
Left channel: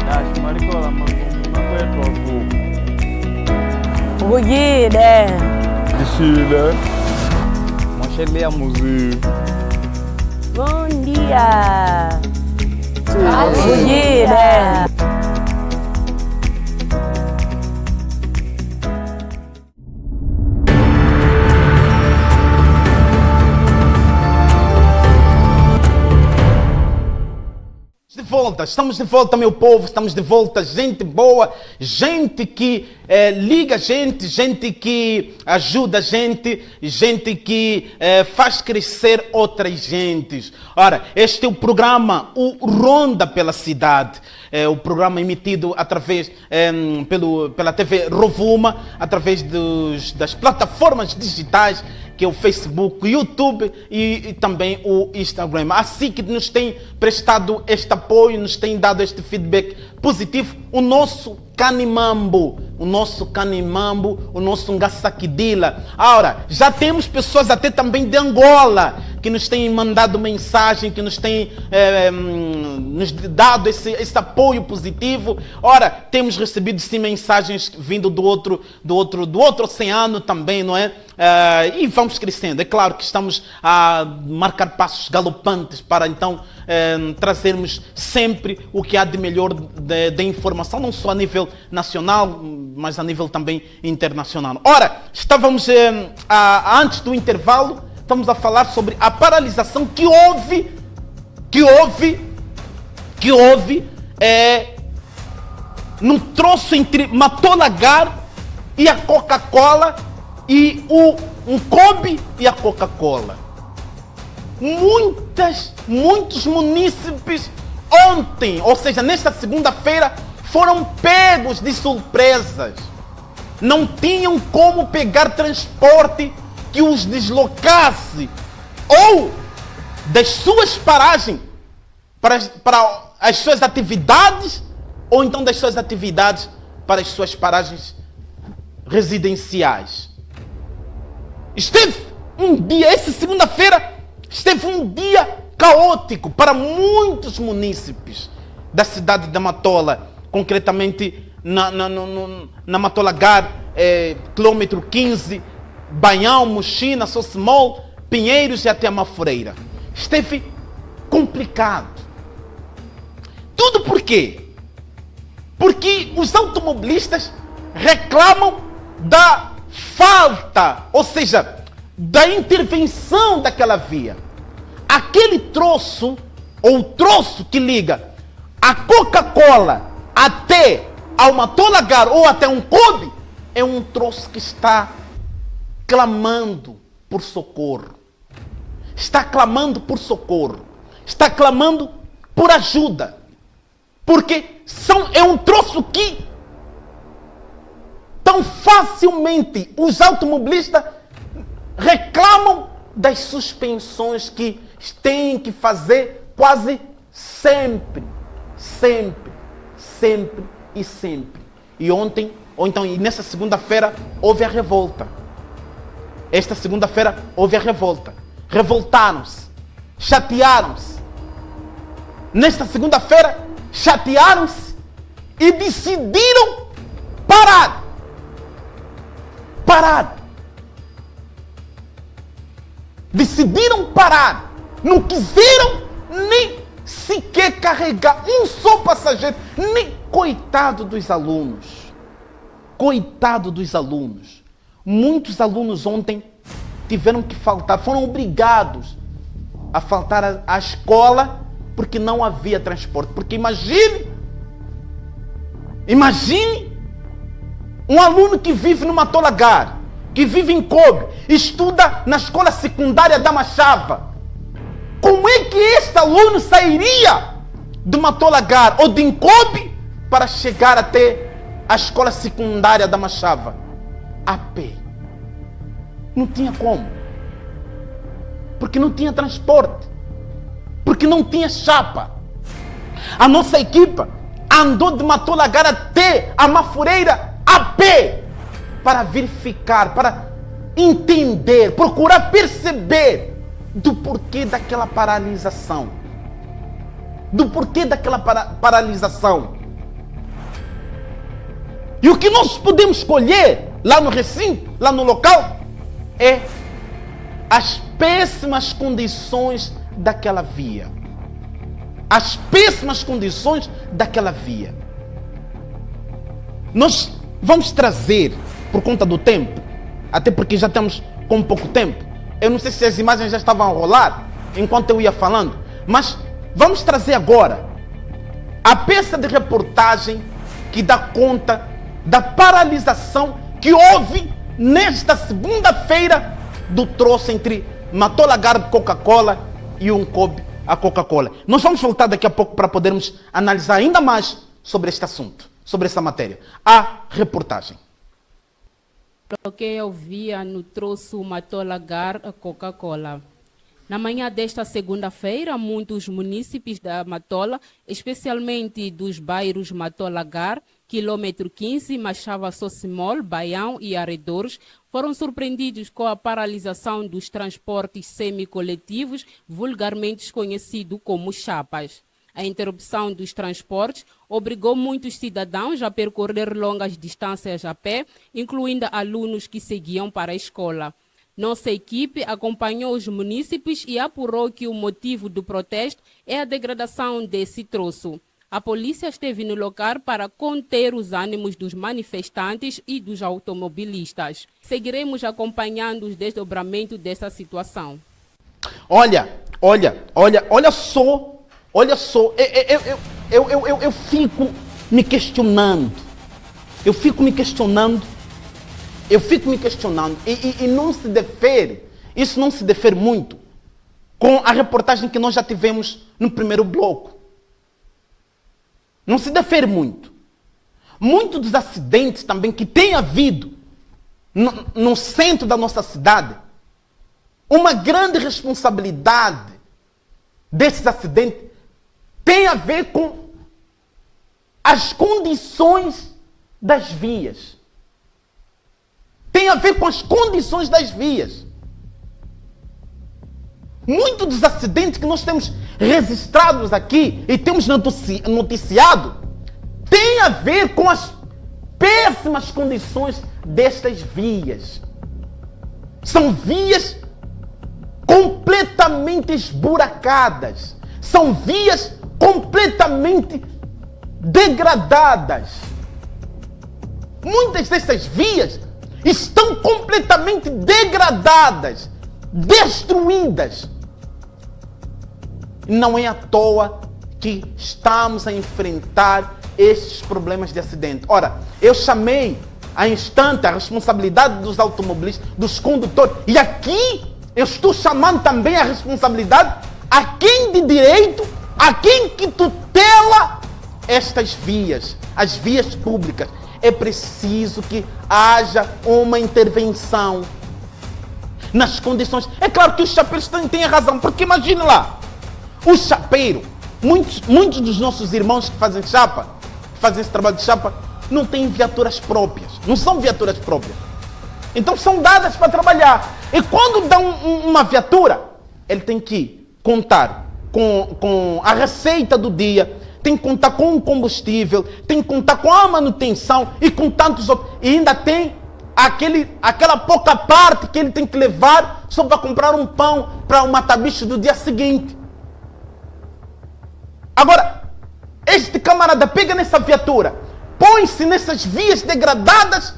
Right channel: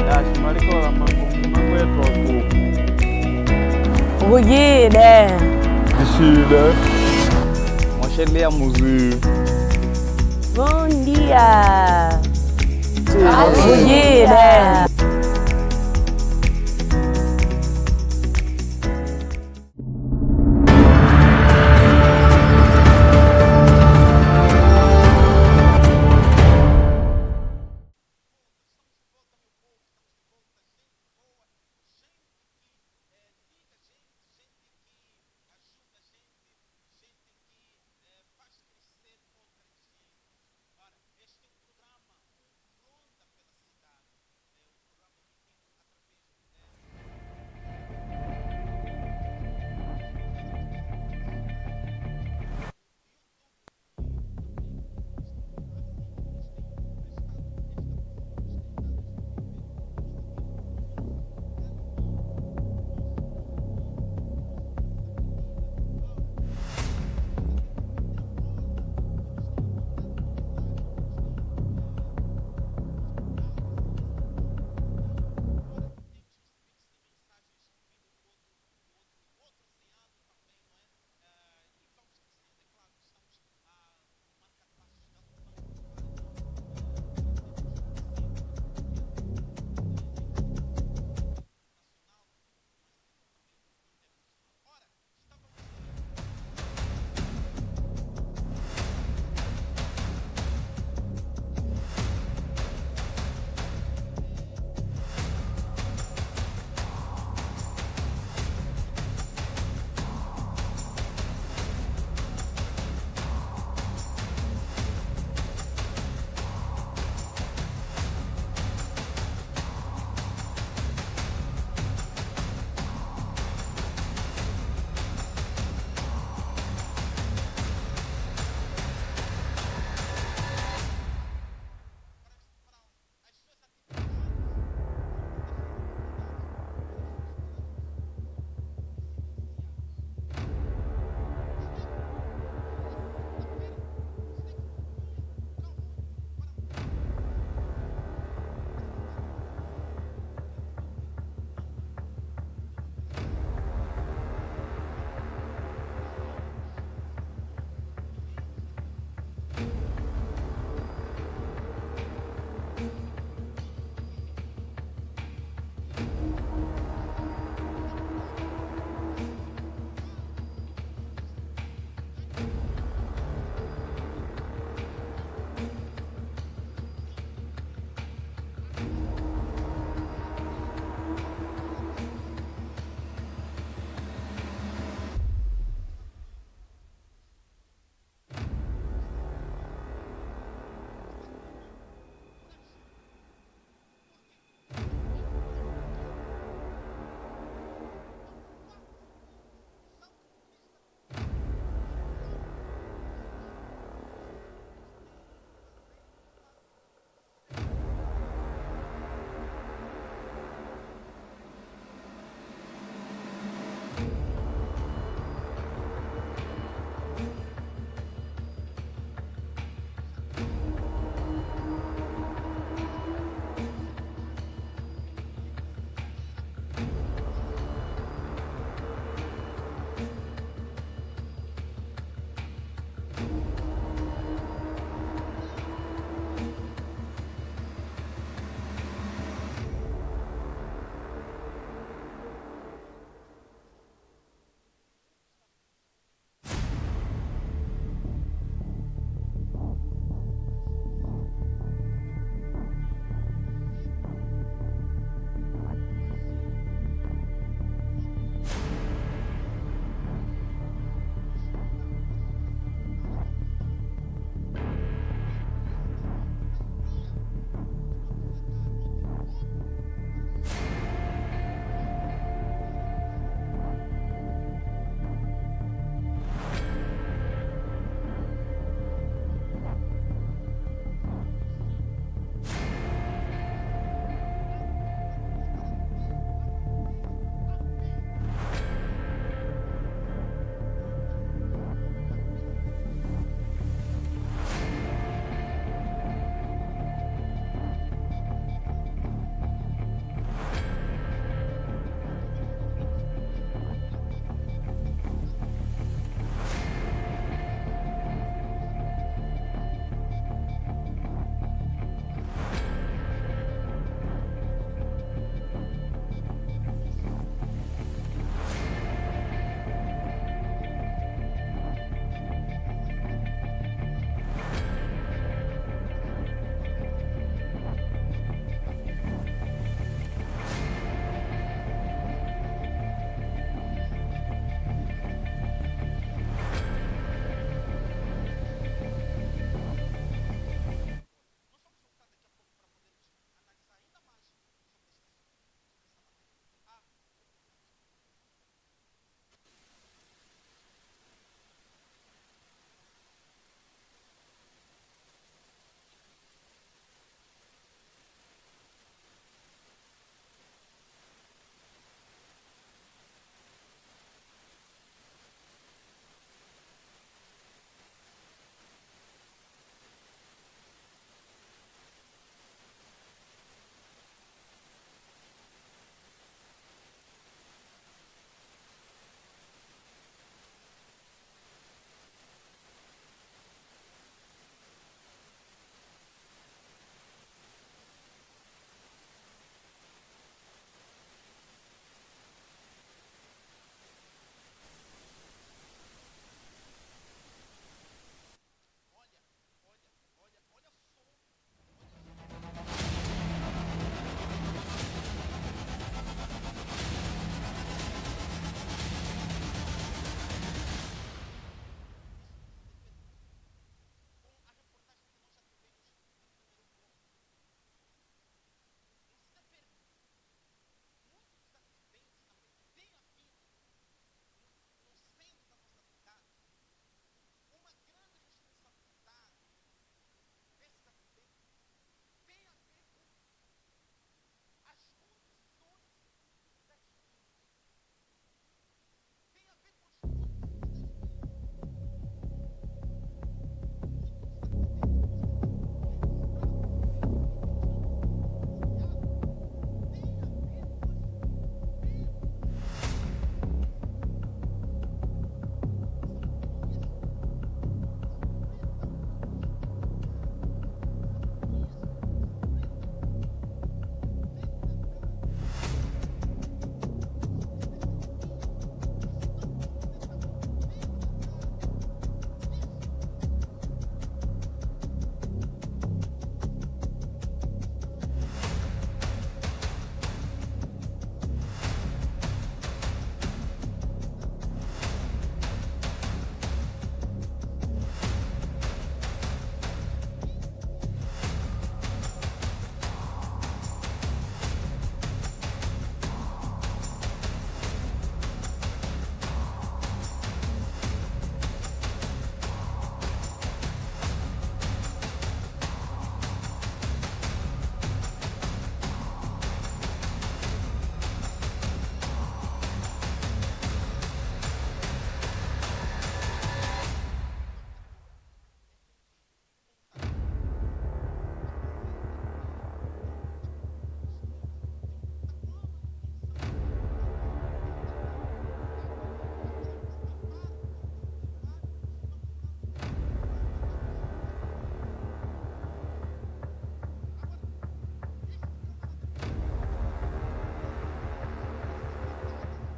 Acho maricola mango wetu wako. Ugide. de Chile. Moshelea Muzi. Bom dia. Bom dia. Estamos de volta, meu povo, estamos de volta, gente boa, gente que liga a gente, gente que ajuda a gente, gente que faz crescer outras gentes. Ora, este é o programa, o Ronda pela Cidade, o programa emitido através, pela TV Rovuma, através das plataformas digitais, que é o Facebook, o YouTube e também o Instagram. Assim que nos tem prestado este apoio, nos tem dado este feedback positivo, o nosso Canimambo, o nosso Ngaçaquidila. Ora, já temos pessoas até também de Angola que nos têm mandado mensagem, que nos têm nos dado esse apoio positivo. Ora, temos recebido sim mensagens vindo do outro oceano também, não é? E vamos crescendo. É claro que estamos a marcar passos galopantes para então trazermos sempre o que há de melhor de informação, não só a nível nacional, mas a nível também internacional. Ora, estávamos antes do intervalo, estamos a falar sobre a paralisação que houve no troço entre Matolagar e a Coca-Cola e um Kobe e a Coca-Cola. Muitos munícipes ontem, ou seja, nesta segunda-feira, foram pegos de surpresas. Não tinham como pegar transporte que os deslocasse ou das suas paragens para as suas atividades, ou então das suas atividades para as suas paragens residenciais. Esteve um dia, essa segunda-feira, esteve um dia caótico para muitos munícipes da cidade da Matola, concretamente na Matolagar, quilômetro 15, Banhão, Mochina, Sossemol, Pinheiros e até a Mafureira. Esteve complicado. Tudo por quê? Porque os automobilistas reclamam da falta, ou seja, da intervenção daquela via. Aquele troço, ou o troço que liga a Coca-Cola até ao Matolagar ou até um Kobe, é um troço que está clamando por socorro. Está clamando por socorro. Está clamando por ajuda. Porque é um troço que tão facilmente os automobilistas reclamam das suspensões que têm que fazer quase sempre. E ontem, ou então e nessa segunda-feira, houve a revolta. Esta segunda-feira houve a revolta. Revoltaram-se, chatearam-se. Nesta segunda-feira, chatearam-se e decidiram parar. Decidiram parar. Não quiseram nem sequer carregar um só passageiro. Nem coitado dos alunos. Muitos alunos ontem tiveram que faltar, foram obrigados a faltar à escola porque não havia transporte. Porque imagine um aluno que vive no Matolagar, que vive em Kobe, estuda na escola secundária da Machava. Como é que este aluno sairia do Matolagar ou de Kobe para chegar até a escola secundária da Machava? A pé. Não tinha como. Porque não tinha transporte. Porque não tinha chapa. A nossa equipa andou de Matolagar até a Mafureira a pé para verificar, para entender, procurar perceber do porquê daquela paralisação. E o que nós podemos colher lá no recinto, lá no local, é as péssimas condições daquela via. As péssimas condições daquela via. Nós vamos trazer, por conta do tempo, até porque já estamos com pouco tempo. Eu não sei se as imagens já estavam a rolar enquanto eu ia falando, mas vamos trazer agora a peça de reportagem que dá conta da paralisação que houve nesta segunda-feira do troço entre Matola Garde Coca-Cola e Uncoop a Coca-Cola. Nós vamos voltar daqui a pouco para podermos analisar ainda mais sobre este assunto, sobre essa matéria. A reportagem. Bloqueio via no troço Matola Garde Coca-Cola. Na manhã desta segunda-feira, muitos munícipes da Matola, especialmente dos bairros Matola Gar, quilômetro 15, Machava Sossimol, Baião e arredores, foram surpreendidos com a paralisação dos transportes semi-coletivos, vulgarmente conhecido como chapas. A interrupção dos transportes obrigou muitos cidadãos a percorrer longas distâncias a pé, incluindo alunos que seguiam para a escola. Nossa equipe acompanhou os munícipes e apurou que o motivo do protesto é a degradação desse troço. A polícia esteve no local para conter os ânimos dos manifestantes e dos automobilistas. Seguiremos acompanhando os desdobramentos dessa situação. Olha só, eu fico me questionando. E não se difere, isso não se difere muito com a reportagem que nós já tivemos no primeiro bloco. Não se difere muito. Muitos dos acidentes também que tem havido no centro da nossa cidade, uma grande responsabilidade desses acidentes tem a ver com as condições das vias. Tem a ver com as condições das vias. Muitos dos acidentes que nós temos registrados aqui e temos noticiado tem a ver com as péssimas condições destas vias. São vias completamente esburacadas. São vias completamente degradadas. Muitas dessas vias estão completamente degradadas, destruídas. Não é à toa que estamos a enfrentar estes problemas de acidente. Ora, eu chamei a instante a responsabilidade dos automobilistas, dos condutores, e aqui eu estou chamando também a responsabilidade a quem de direito, a quem que tutela estas vias, as vias públicas. É preciso que haja uma intervenção nas condições. É claro que os chapeiros têm a razão, porque imagine lá, o chapeiro, muitos dos nossos irmãos que fazem chapa, fazem esse trabalho de chapa, não têm viaturas próprias, não são viaturas próprias. Então são dadas para trabalhar. E quando dão uma viatura, ele tem que contar com a receita do dia, tem que contar com o combustível, tem que contar com a manutenção e com tantos outros. E ainda tem aquela pouca parte que ele tem que levar só para comprar um pão para o mata-bicho do dia seguinte. Agora, este camarada pega nessa viatura, põe-se nessas vias degradadas.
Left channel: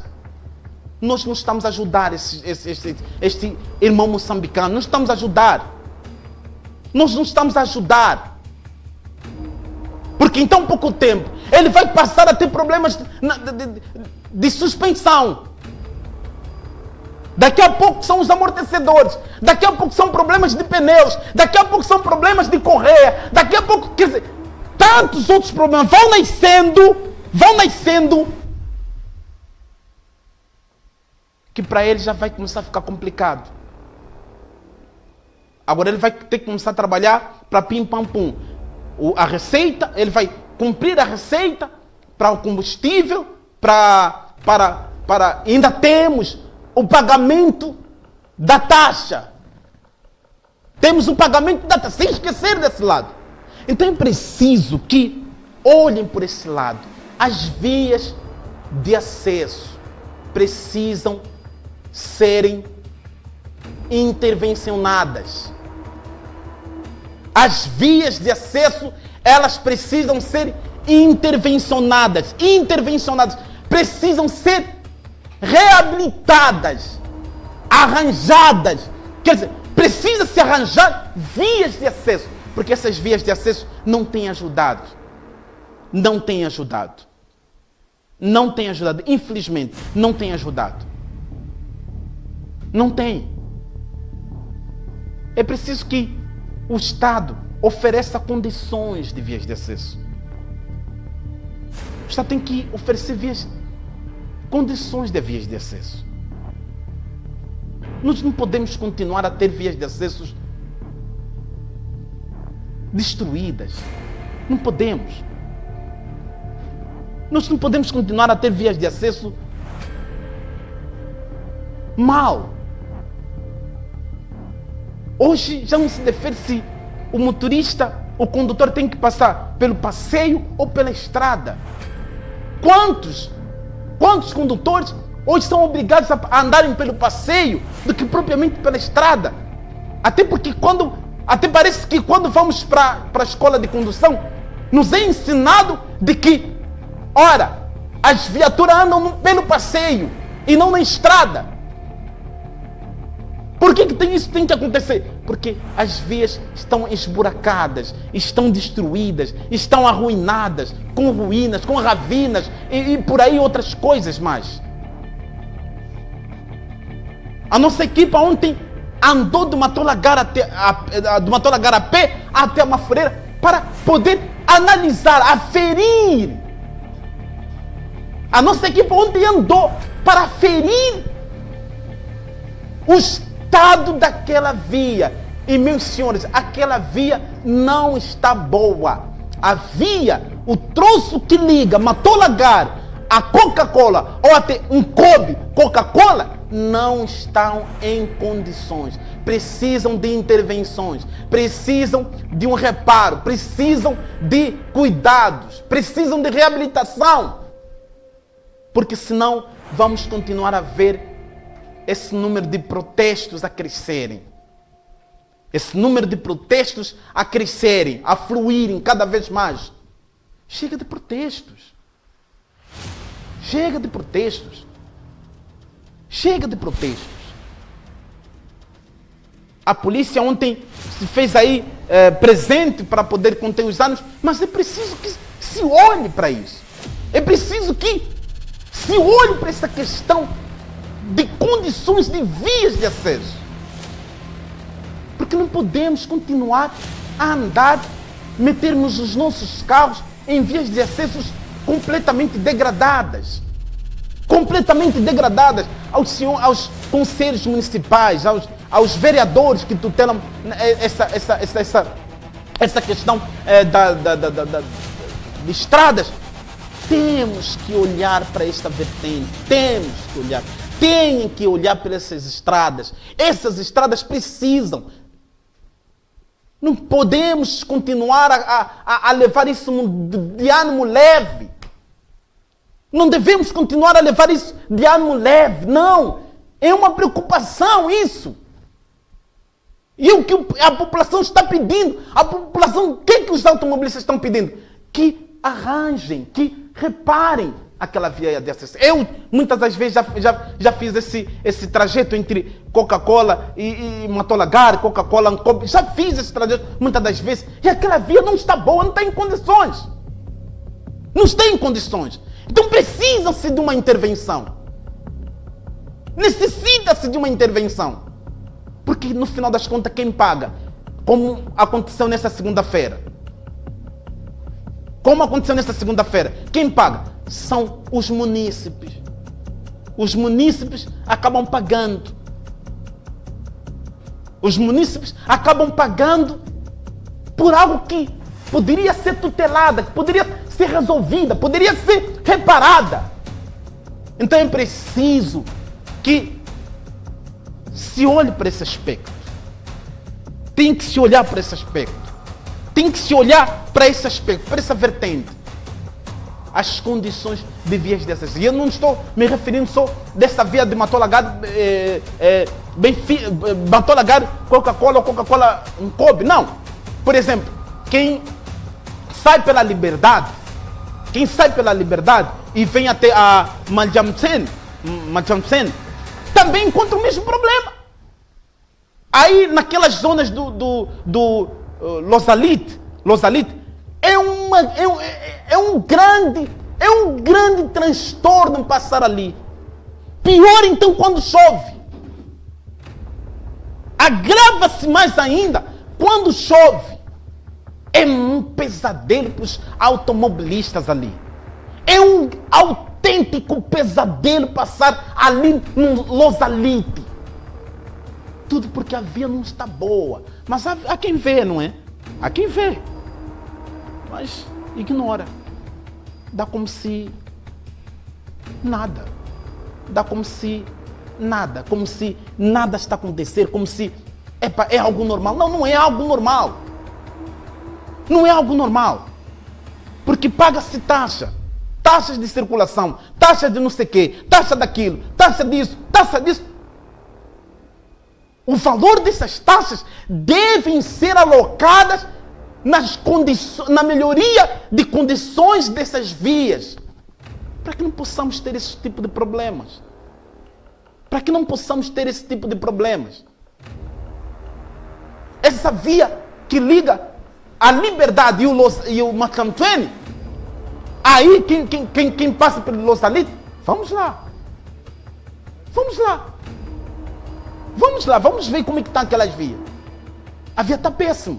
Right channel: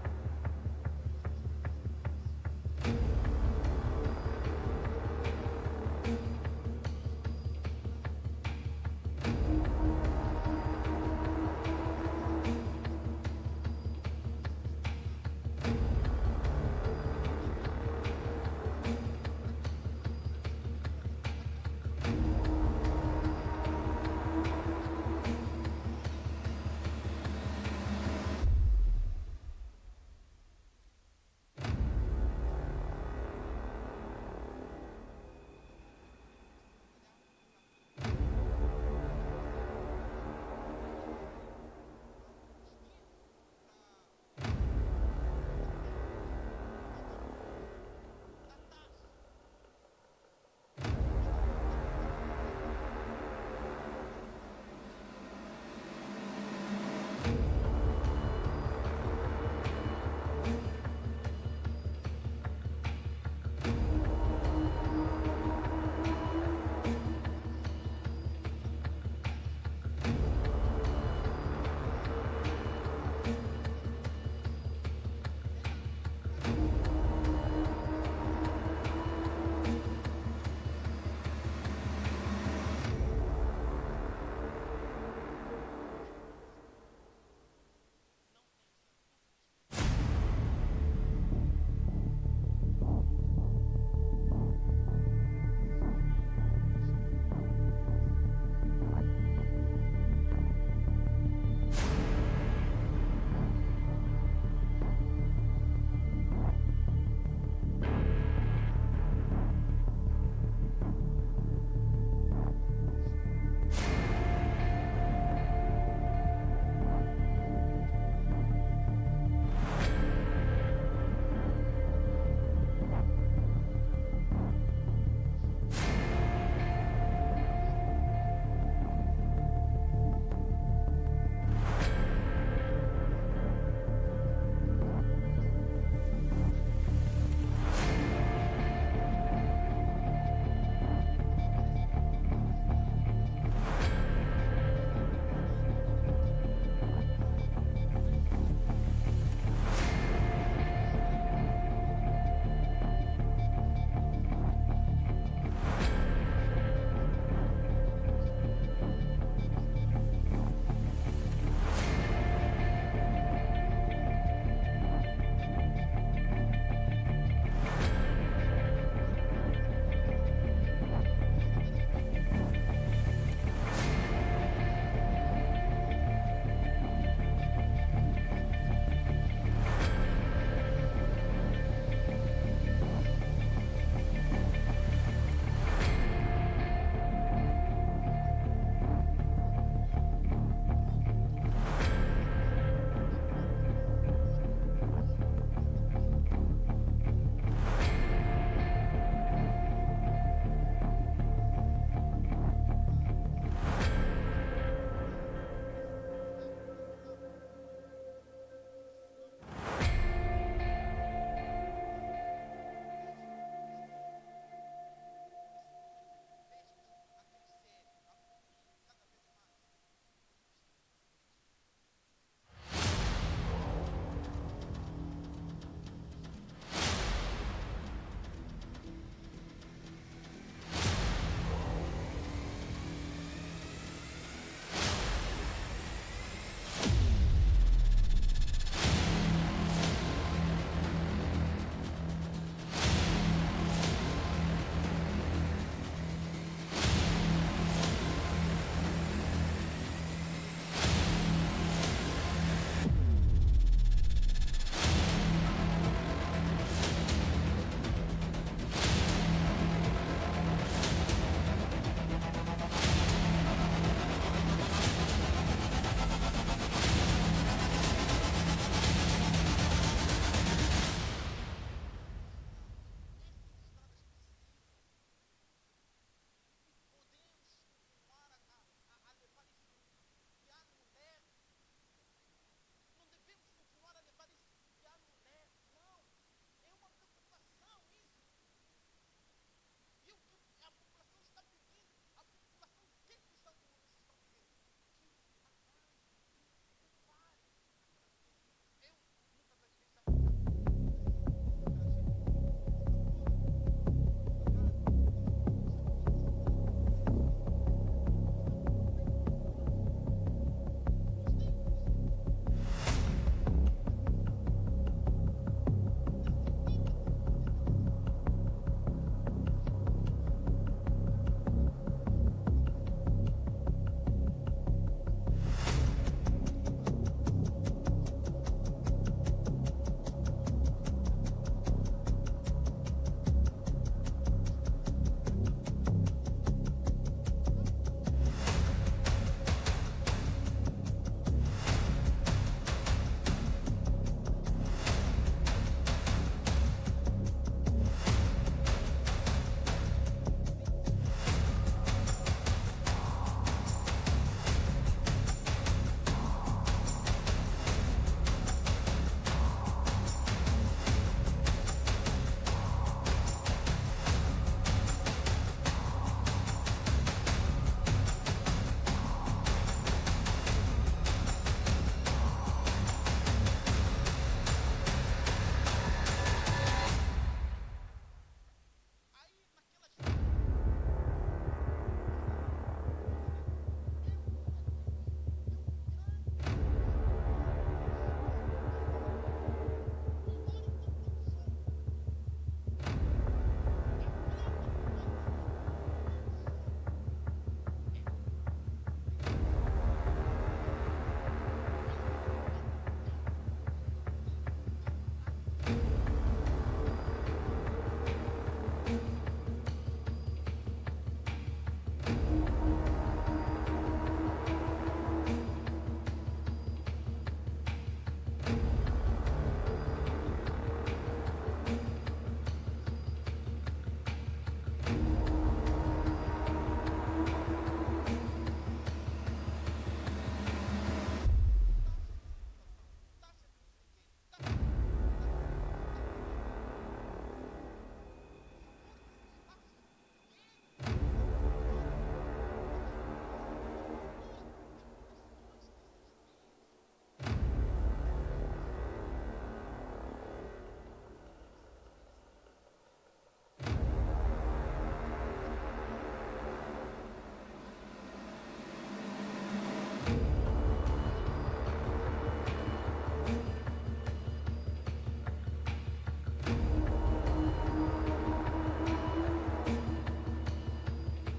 Nós não estamos a ajudar este irmão moçambicano, não estamos a ajudar. Nós não estamos a ajudar. Porque em tão pouco tempo ele vai passar a ter problemas de suspensão. Daqui a pouco são os amortecedores. Daqui a pouco são problemas de pneus. Daqui a pouco são problemas de correia. Daqui a pouco, quer dizer, tantos outros problemas vão nascendo, que para ele já vai começar a ficar complicado. Agora ele vai ter que começar a trabalhar para pim-pam-pum. A receita, ele vai cumprir a receita para o combustível, para ainda temos o pagamento da taxa. Temos o pagamento da taxa, sem esquecer desse lado. Então é preciso que olhem por esse lado. As vias de acesso precisam serem intervencionadas. As vias de acesso, elas precisam ser intervencionadas, precisam ser reabilitadas, arranjadas. Quer dizer, precisa se arranjar vias de acesso, porque essas vias de acesso não têm ajudado. Não têm ajudado. Não têm ajudado. Infelizmente, não têm ajudado. Não tem. É preciso que o Estado ofereça condições de vias de acesso. O Estado tem que oferecer condições de vias de acesso. Nós não podemos continuar a ter vias de acesso destruídas. Não podemos. Nós não podemos continuar a ter vias de acesso mal. Hoje já não se defere se o motorista, o condutor tem que passar pelo passeio ou pela estrada. Quantos condutores hoje são obrigados a andarem pelo passeio do que propriamente pela estrada? Até parece que quando vamos para a escola de condução, nos é ensinado de que, ora, as viaturas andam pelo passeio e não na estrada. Por que isso tem que acontecer? Porque as vias estão esburacadas, estão destruídas, estão arruinadas, com ruínas, com ravinas e por aí outras coisas mais. A nossa equipa ontem andou do Matolagar a pé até a Mafureira para poder analisar, aferir. A nossa equipa ontem andou para aferir o estado daquela via. E, meus senhores, aquela via não está boa. A via, o troço que liga Matolagar a Coca-Cola ou até um Kobe Coca-Cola, não estão em condições. Precisam de intervenções, precisam de um reparo, precisam de cuidados, precisam de reabilitação. Porque senão vamos continuar a ver esse número de protestos a crescerem. Esse número de protestos a crescerem, a fluírem cada vez mais. Chega de protestos. Chega de protestos. Chega de protestos. A polícia ontem se fez aí presente para poder conter os danos, mas é preciso que se olhe para isso. É preciso que se olhe para essa questão de condições de vias de acesso. Porque não podemos continuar a andar, metermos os nossos carros em vias de acesso completamente degradadas. Completamente degradadas aos conselhos municipais, aos vereadores que tutelam essa questão de estradas. Temos que olhar para esta vertente, têm que olhar para essas estradas. Essas estradas precisam. Não podemos continuar a levar isso de ânimo leve. Não devemos continuar a levar isso de ânimo leve, não. É uma preocupação isso. E o que a população está pedindo, o que os automobilistas estão pedindo? Que arranjem, que reparem aquela via de acesso. Eu, muitas das vezes, já fiz esse trajeto entre Coca-Cola e Matolagar, Coca-Cola, já fiz esse trajeto muitas das vezes, e aquela via não está boa, não está em condições. Não está em condições. Então precisa-se de uma intervenção. Necessita-se de uma intervenção. Porque no final das contas, quem paga? Como aconteceu nessa segunda-feira. Quem paga? São os munícipes. Os munícipes acabam pagando. Os munícipes acabam pagando por algo que poderia ser tutelada, que poderia ser resolvida, poderia ser reparada. Então é preciso que se olhe para esse aspecto. Tem que se olhar para esse aspecto. Tem que se olhar para esse aspecto, para essa vertente. as condições de vias dessas. E eu não estou me referindo só dessa via de Matolagar, Matolagar, Coca-Cola ou Coca-Cola Kobe. Não. Por exemplo, quem sai pela Liberdade e vem até a Maljamsen, também encontra o mesmo problema. Aí naquelas zonas do Losalite é um grande transtorno passar ali. Pior então quando chove. Agrava-se mais ainda quando chove. É um pesadelo para os automobilistas ali. É um autêntico pesadelo passar ali no Losalite. Tudo porque a via não está boa. Mas há quem vê, não é? Há quem vê. Mas ignora. Dá como se nada. Dá como se nada. Como se nada está a acontecer. Como se é algo normal. Não, não é algo normal. Não é algo normal. Porque paga-se taxa. Taxas de circulação. Taxa de não sei o quê. Taxa daquilo. Taxa disso. Taxa disso. O valor dessas taxas devem ser alocadas na melhoria de condições dessas vias. Para que não possamos ter esse tipo de problemas. Para que não possamos ter esse tipo de problemas. Essa via que liga a Liberdade e o Macantene, aí quem passa pelo Losalite, vamos lá. Vamos ver como é que estão aquelas vias. A via está péssima.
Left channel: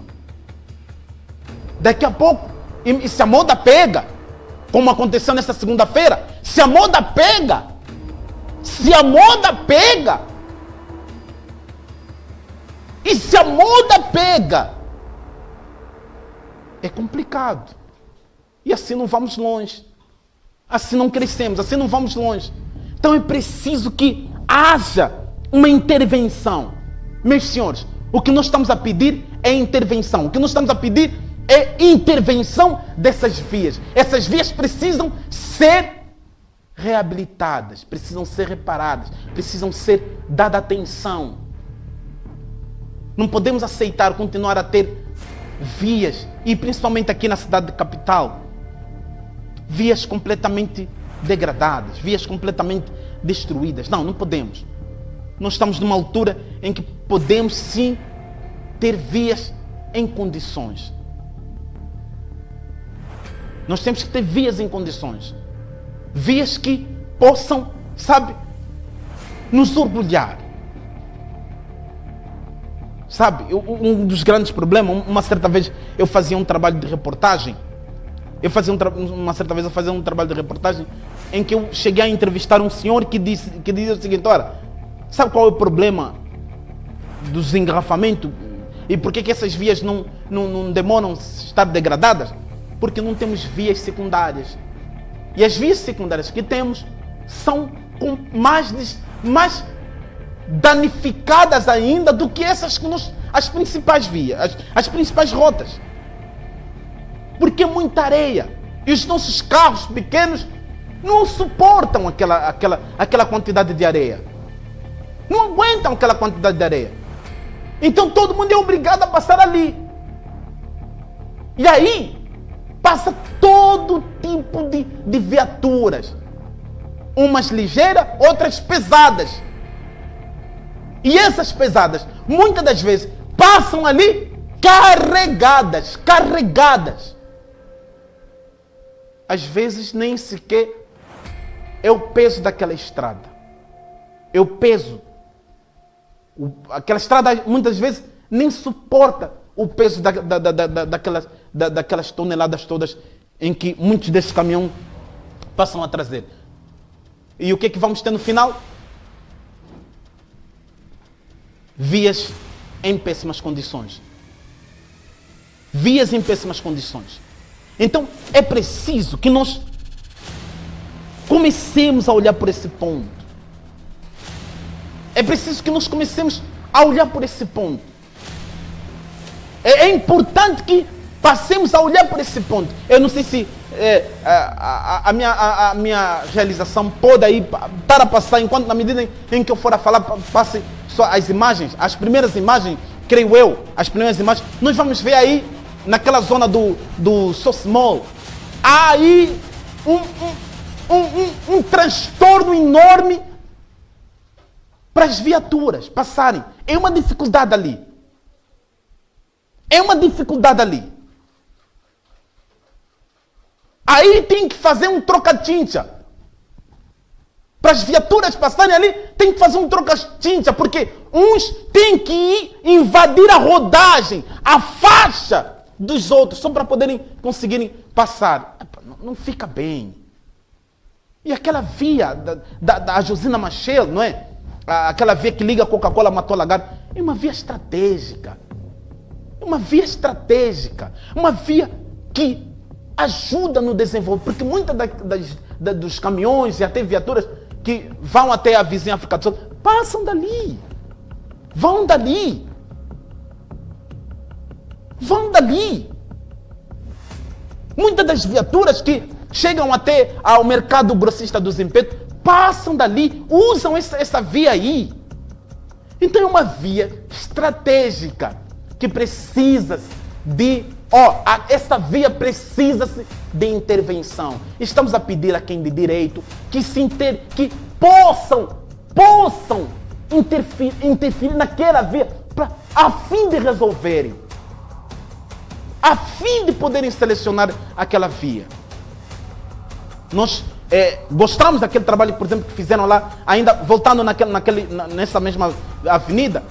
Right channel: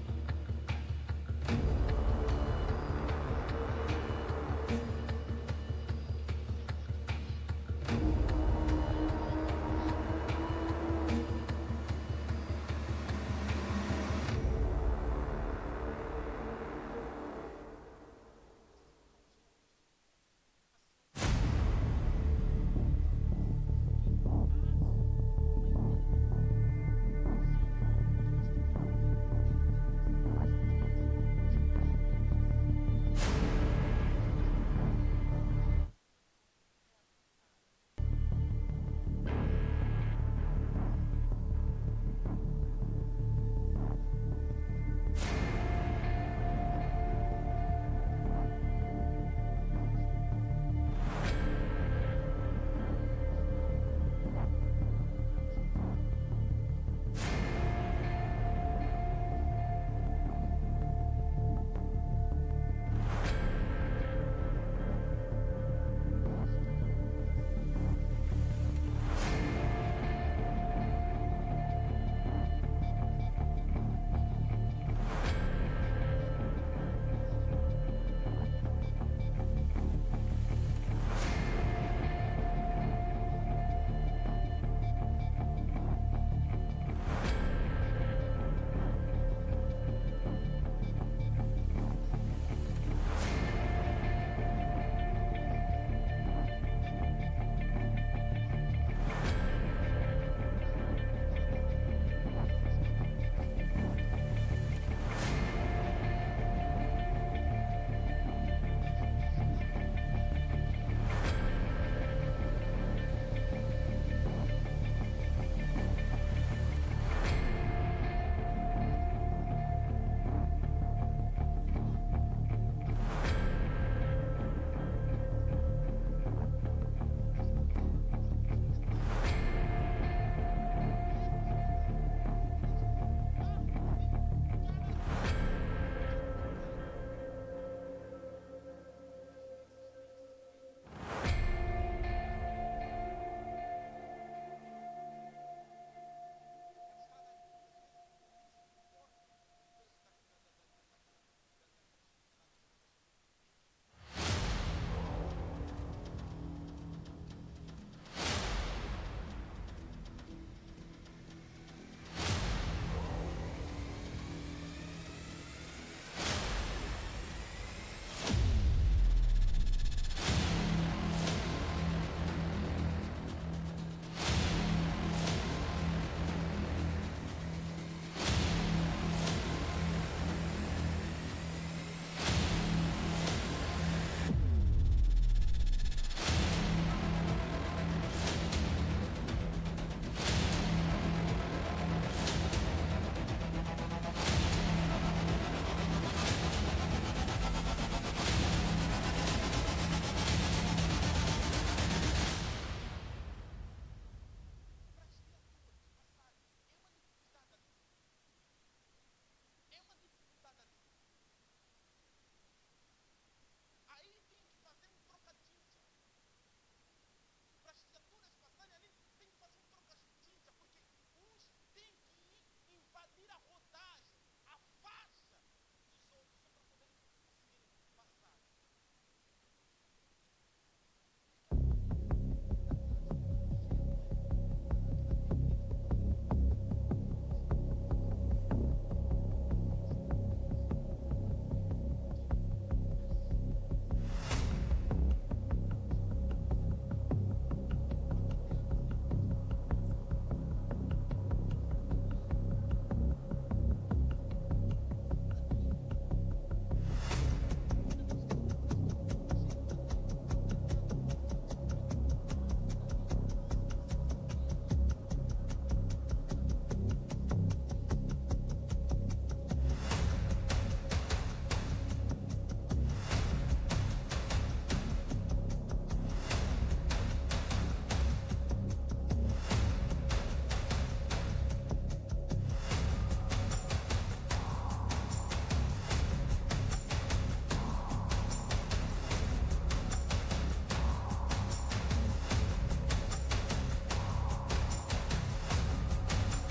Daqui a pouco, e se a moda pega, como aconteceu nessa segunda-feira, se a moda pega, é complicado. E assim não vamos longe. Assim não crescemos, assim não vamos longe. Então é preciso que haja uma intervenção. Meus senhores, o que nós estamos a pedir é intervenção. O que nós estamos a pedir é intervenção dessas vias. Essas vias precisam ser reabilitadas, precisam ser reparadas, precisam ser dada atenção. Não podemos aceitar continuar a ter vias, e principalmente aqui na cidade capital, vias completamente degradadas, vias completamente destruídas. Não podemos. Nós estamos numa altura em que podemos sim ter vias em condições. Nós temos que ter vias em condições. Vias que possam, nos orgulhar. Um dos grandes problemas, uma certa vez eu fazia um trabalho de reportagem. Uma certa vez eu fazia um trabalho de reportagem em que eu cheguei a entrevistar um senhor que dizia o seguinte: olha, sabe qual é o problema do desengarrafamento? E por que essas vias não demoram a estar degradadas? Porque não temos vias secundárias. E as vias secundárias que temos são mais danificadas ainda do que essas as principais vias, as principais rotas. Porque é muita areia. E os nossos carros pequenos não suportam aquela quantidade de areia. Não aguentam aquela quantidade de areia. Então todo mundo é obrigado a passar ali. E aí passa todo tipo de viaturas. Umas ligeiras, outras pesadas. E essas pesadas, muitas das vezes, passam ali carregadas. Às vezes nem sequer é o peso daquela estrada. É o peso. Aquela estrada muitas vezes nem suporta o peso daquelas toneladas todas em que muitos desses caminhões passam a trazer. E o que é que vamos ter no final? Vias em péssimas condições. Vias em péssimas condições. Então é preciso que nós comecemos a olhar por esse ponto. É preciso que nós comecemos a olhar por esse ponto. É importante que passemos a olhar por esse ponto. Eu não sei se a minha realização pode aí estar a passar, enquanto na medida em que eu for a falar, passe só as imagens, as primeiras imagens, creio eu, as primeiras imagens, nós vamos ver aí, naquela zona do Sosmol, há aí um transtorno enorme para as viaturas passarem. É uma dificuldade ali. É uma dificuldade ali. Aí tem que fazer um troca-tinta. Para as viaturas passarem ali, tem que fazer um troca-tinta, porque uns têm que ir invadir a rodagem, a faixa dos outros, só para poderem conseguirem passar. Não fica bem. E aquela via da Josina Machel, não é? Aquela via que liga Coca-Cola a Matola Gar, é uma via estratégica. É uma via estratégica. Uma via que ajuda no desenvolvimento, porque muitas dos caminhões e até viaturas que vão até a vizinha África do Sul passam dali. Vão dali. Vão dali. Muitas das viaturas que chegam até ao mercado grossista dos Impetos passam dali, usam essa via aí. Então é uma via estratégica que precisa de... essa via precisa-se de intervenção. Estamos a pedir a quem de direito que possam interferir naquela via a fim de resolverem, a fim de poderem selecionar aquela via. Nós gostamos daquele trabalho, por exemplo, que fizeram lá, ainda voltando nessa mesma avenida,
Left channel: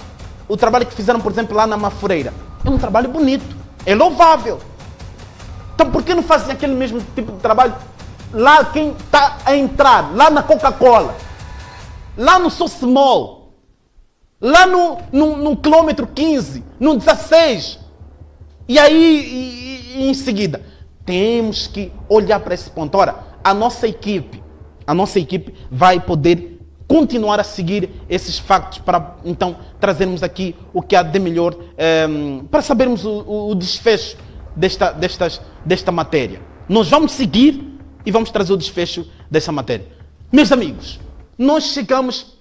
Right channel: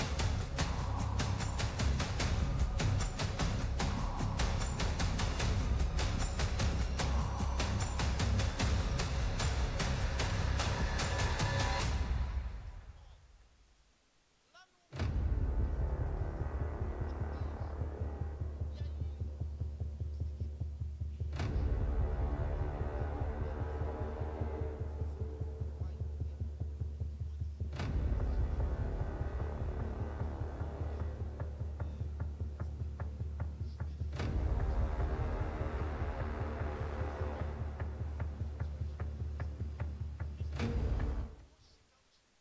o trabalho que fizeram, por exemplo, lá na Mafureira. É um trabalho bonito, é louvável. Então por que não fazem aquele mesmo tipo de trabalho lá quem está a entrar, lá na Coca-Cola, lá no Sosmol, lá no quilômetro 15, no 16, e aí em seguida, temos que olhar para esse ponto. Ora, a nossa equipe vai poder continuar a seguir esses factos para então trazermos aqui o que há de melhor, para sabermos o desfecho desta matéria. Nós vamos seguir e vamos trazer o desfecho dessa matéria. Meus amigos, nós chegamos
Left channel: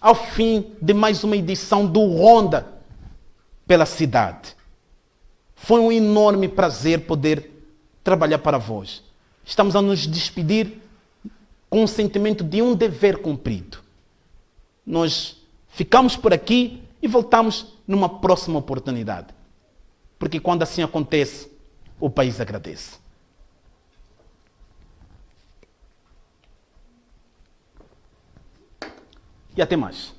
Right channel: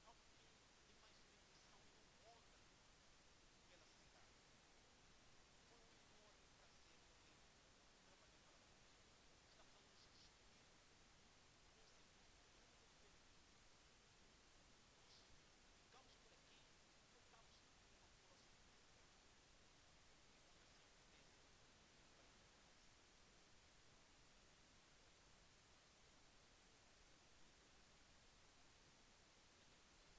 ao fim de mais uma edição do Ronda pela Cidade. Foi um enorme prazer poder trabalhar para vós. Estamos a nos despedir com o sentimento de um dever cumprido. Nós ficamos por aqui e voltamos numa próxima oportunidade. Porque quando assim acontece, o país agradece. E até mais.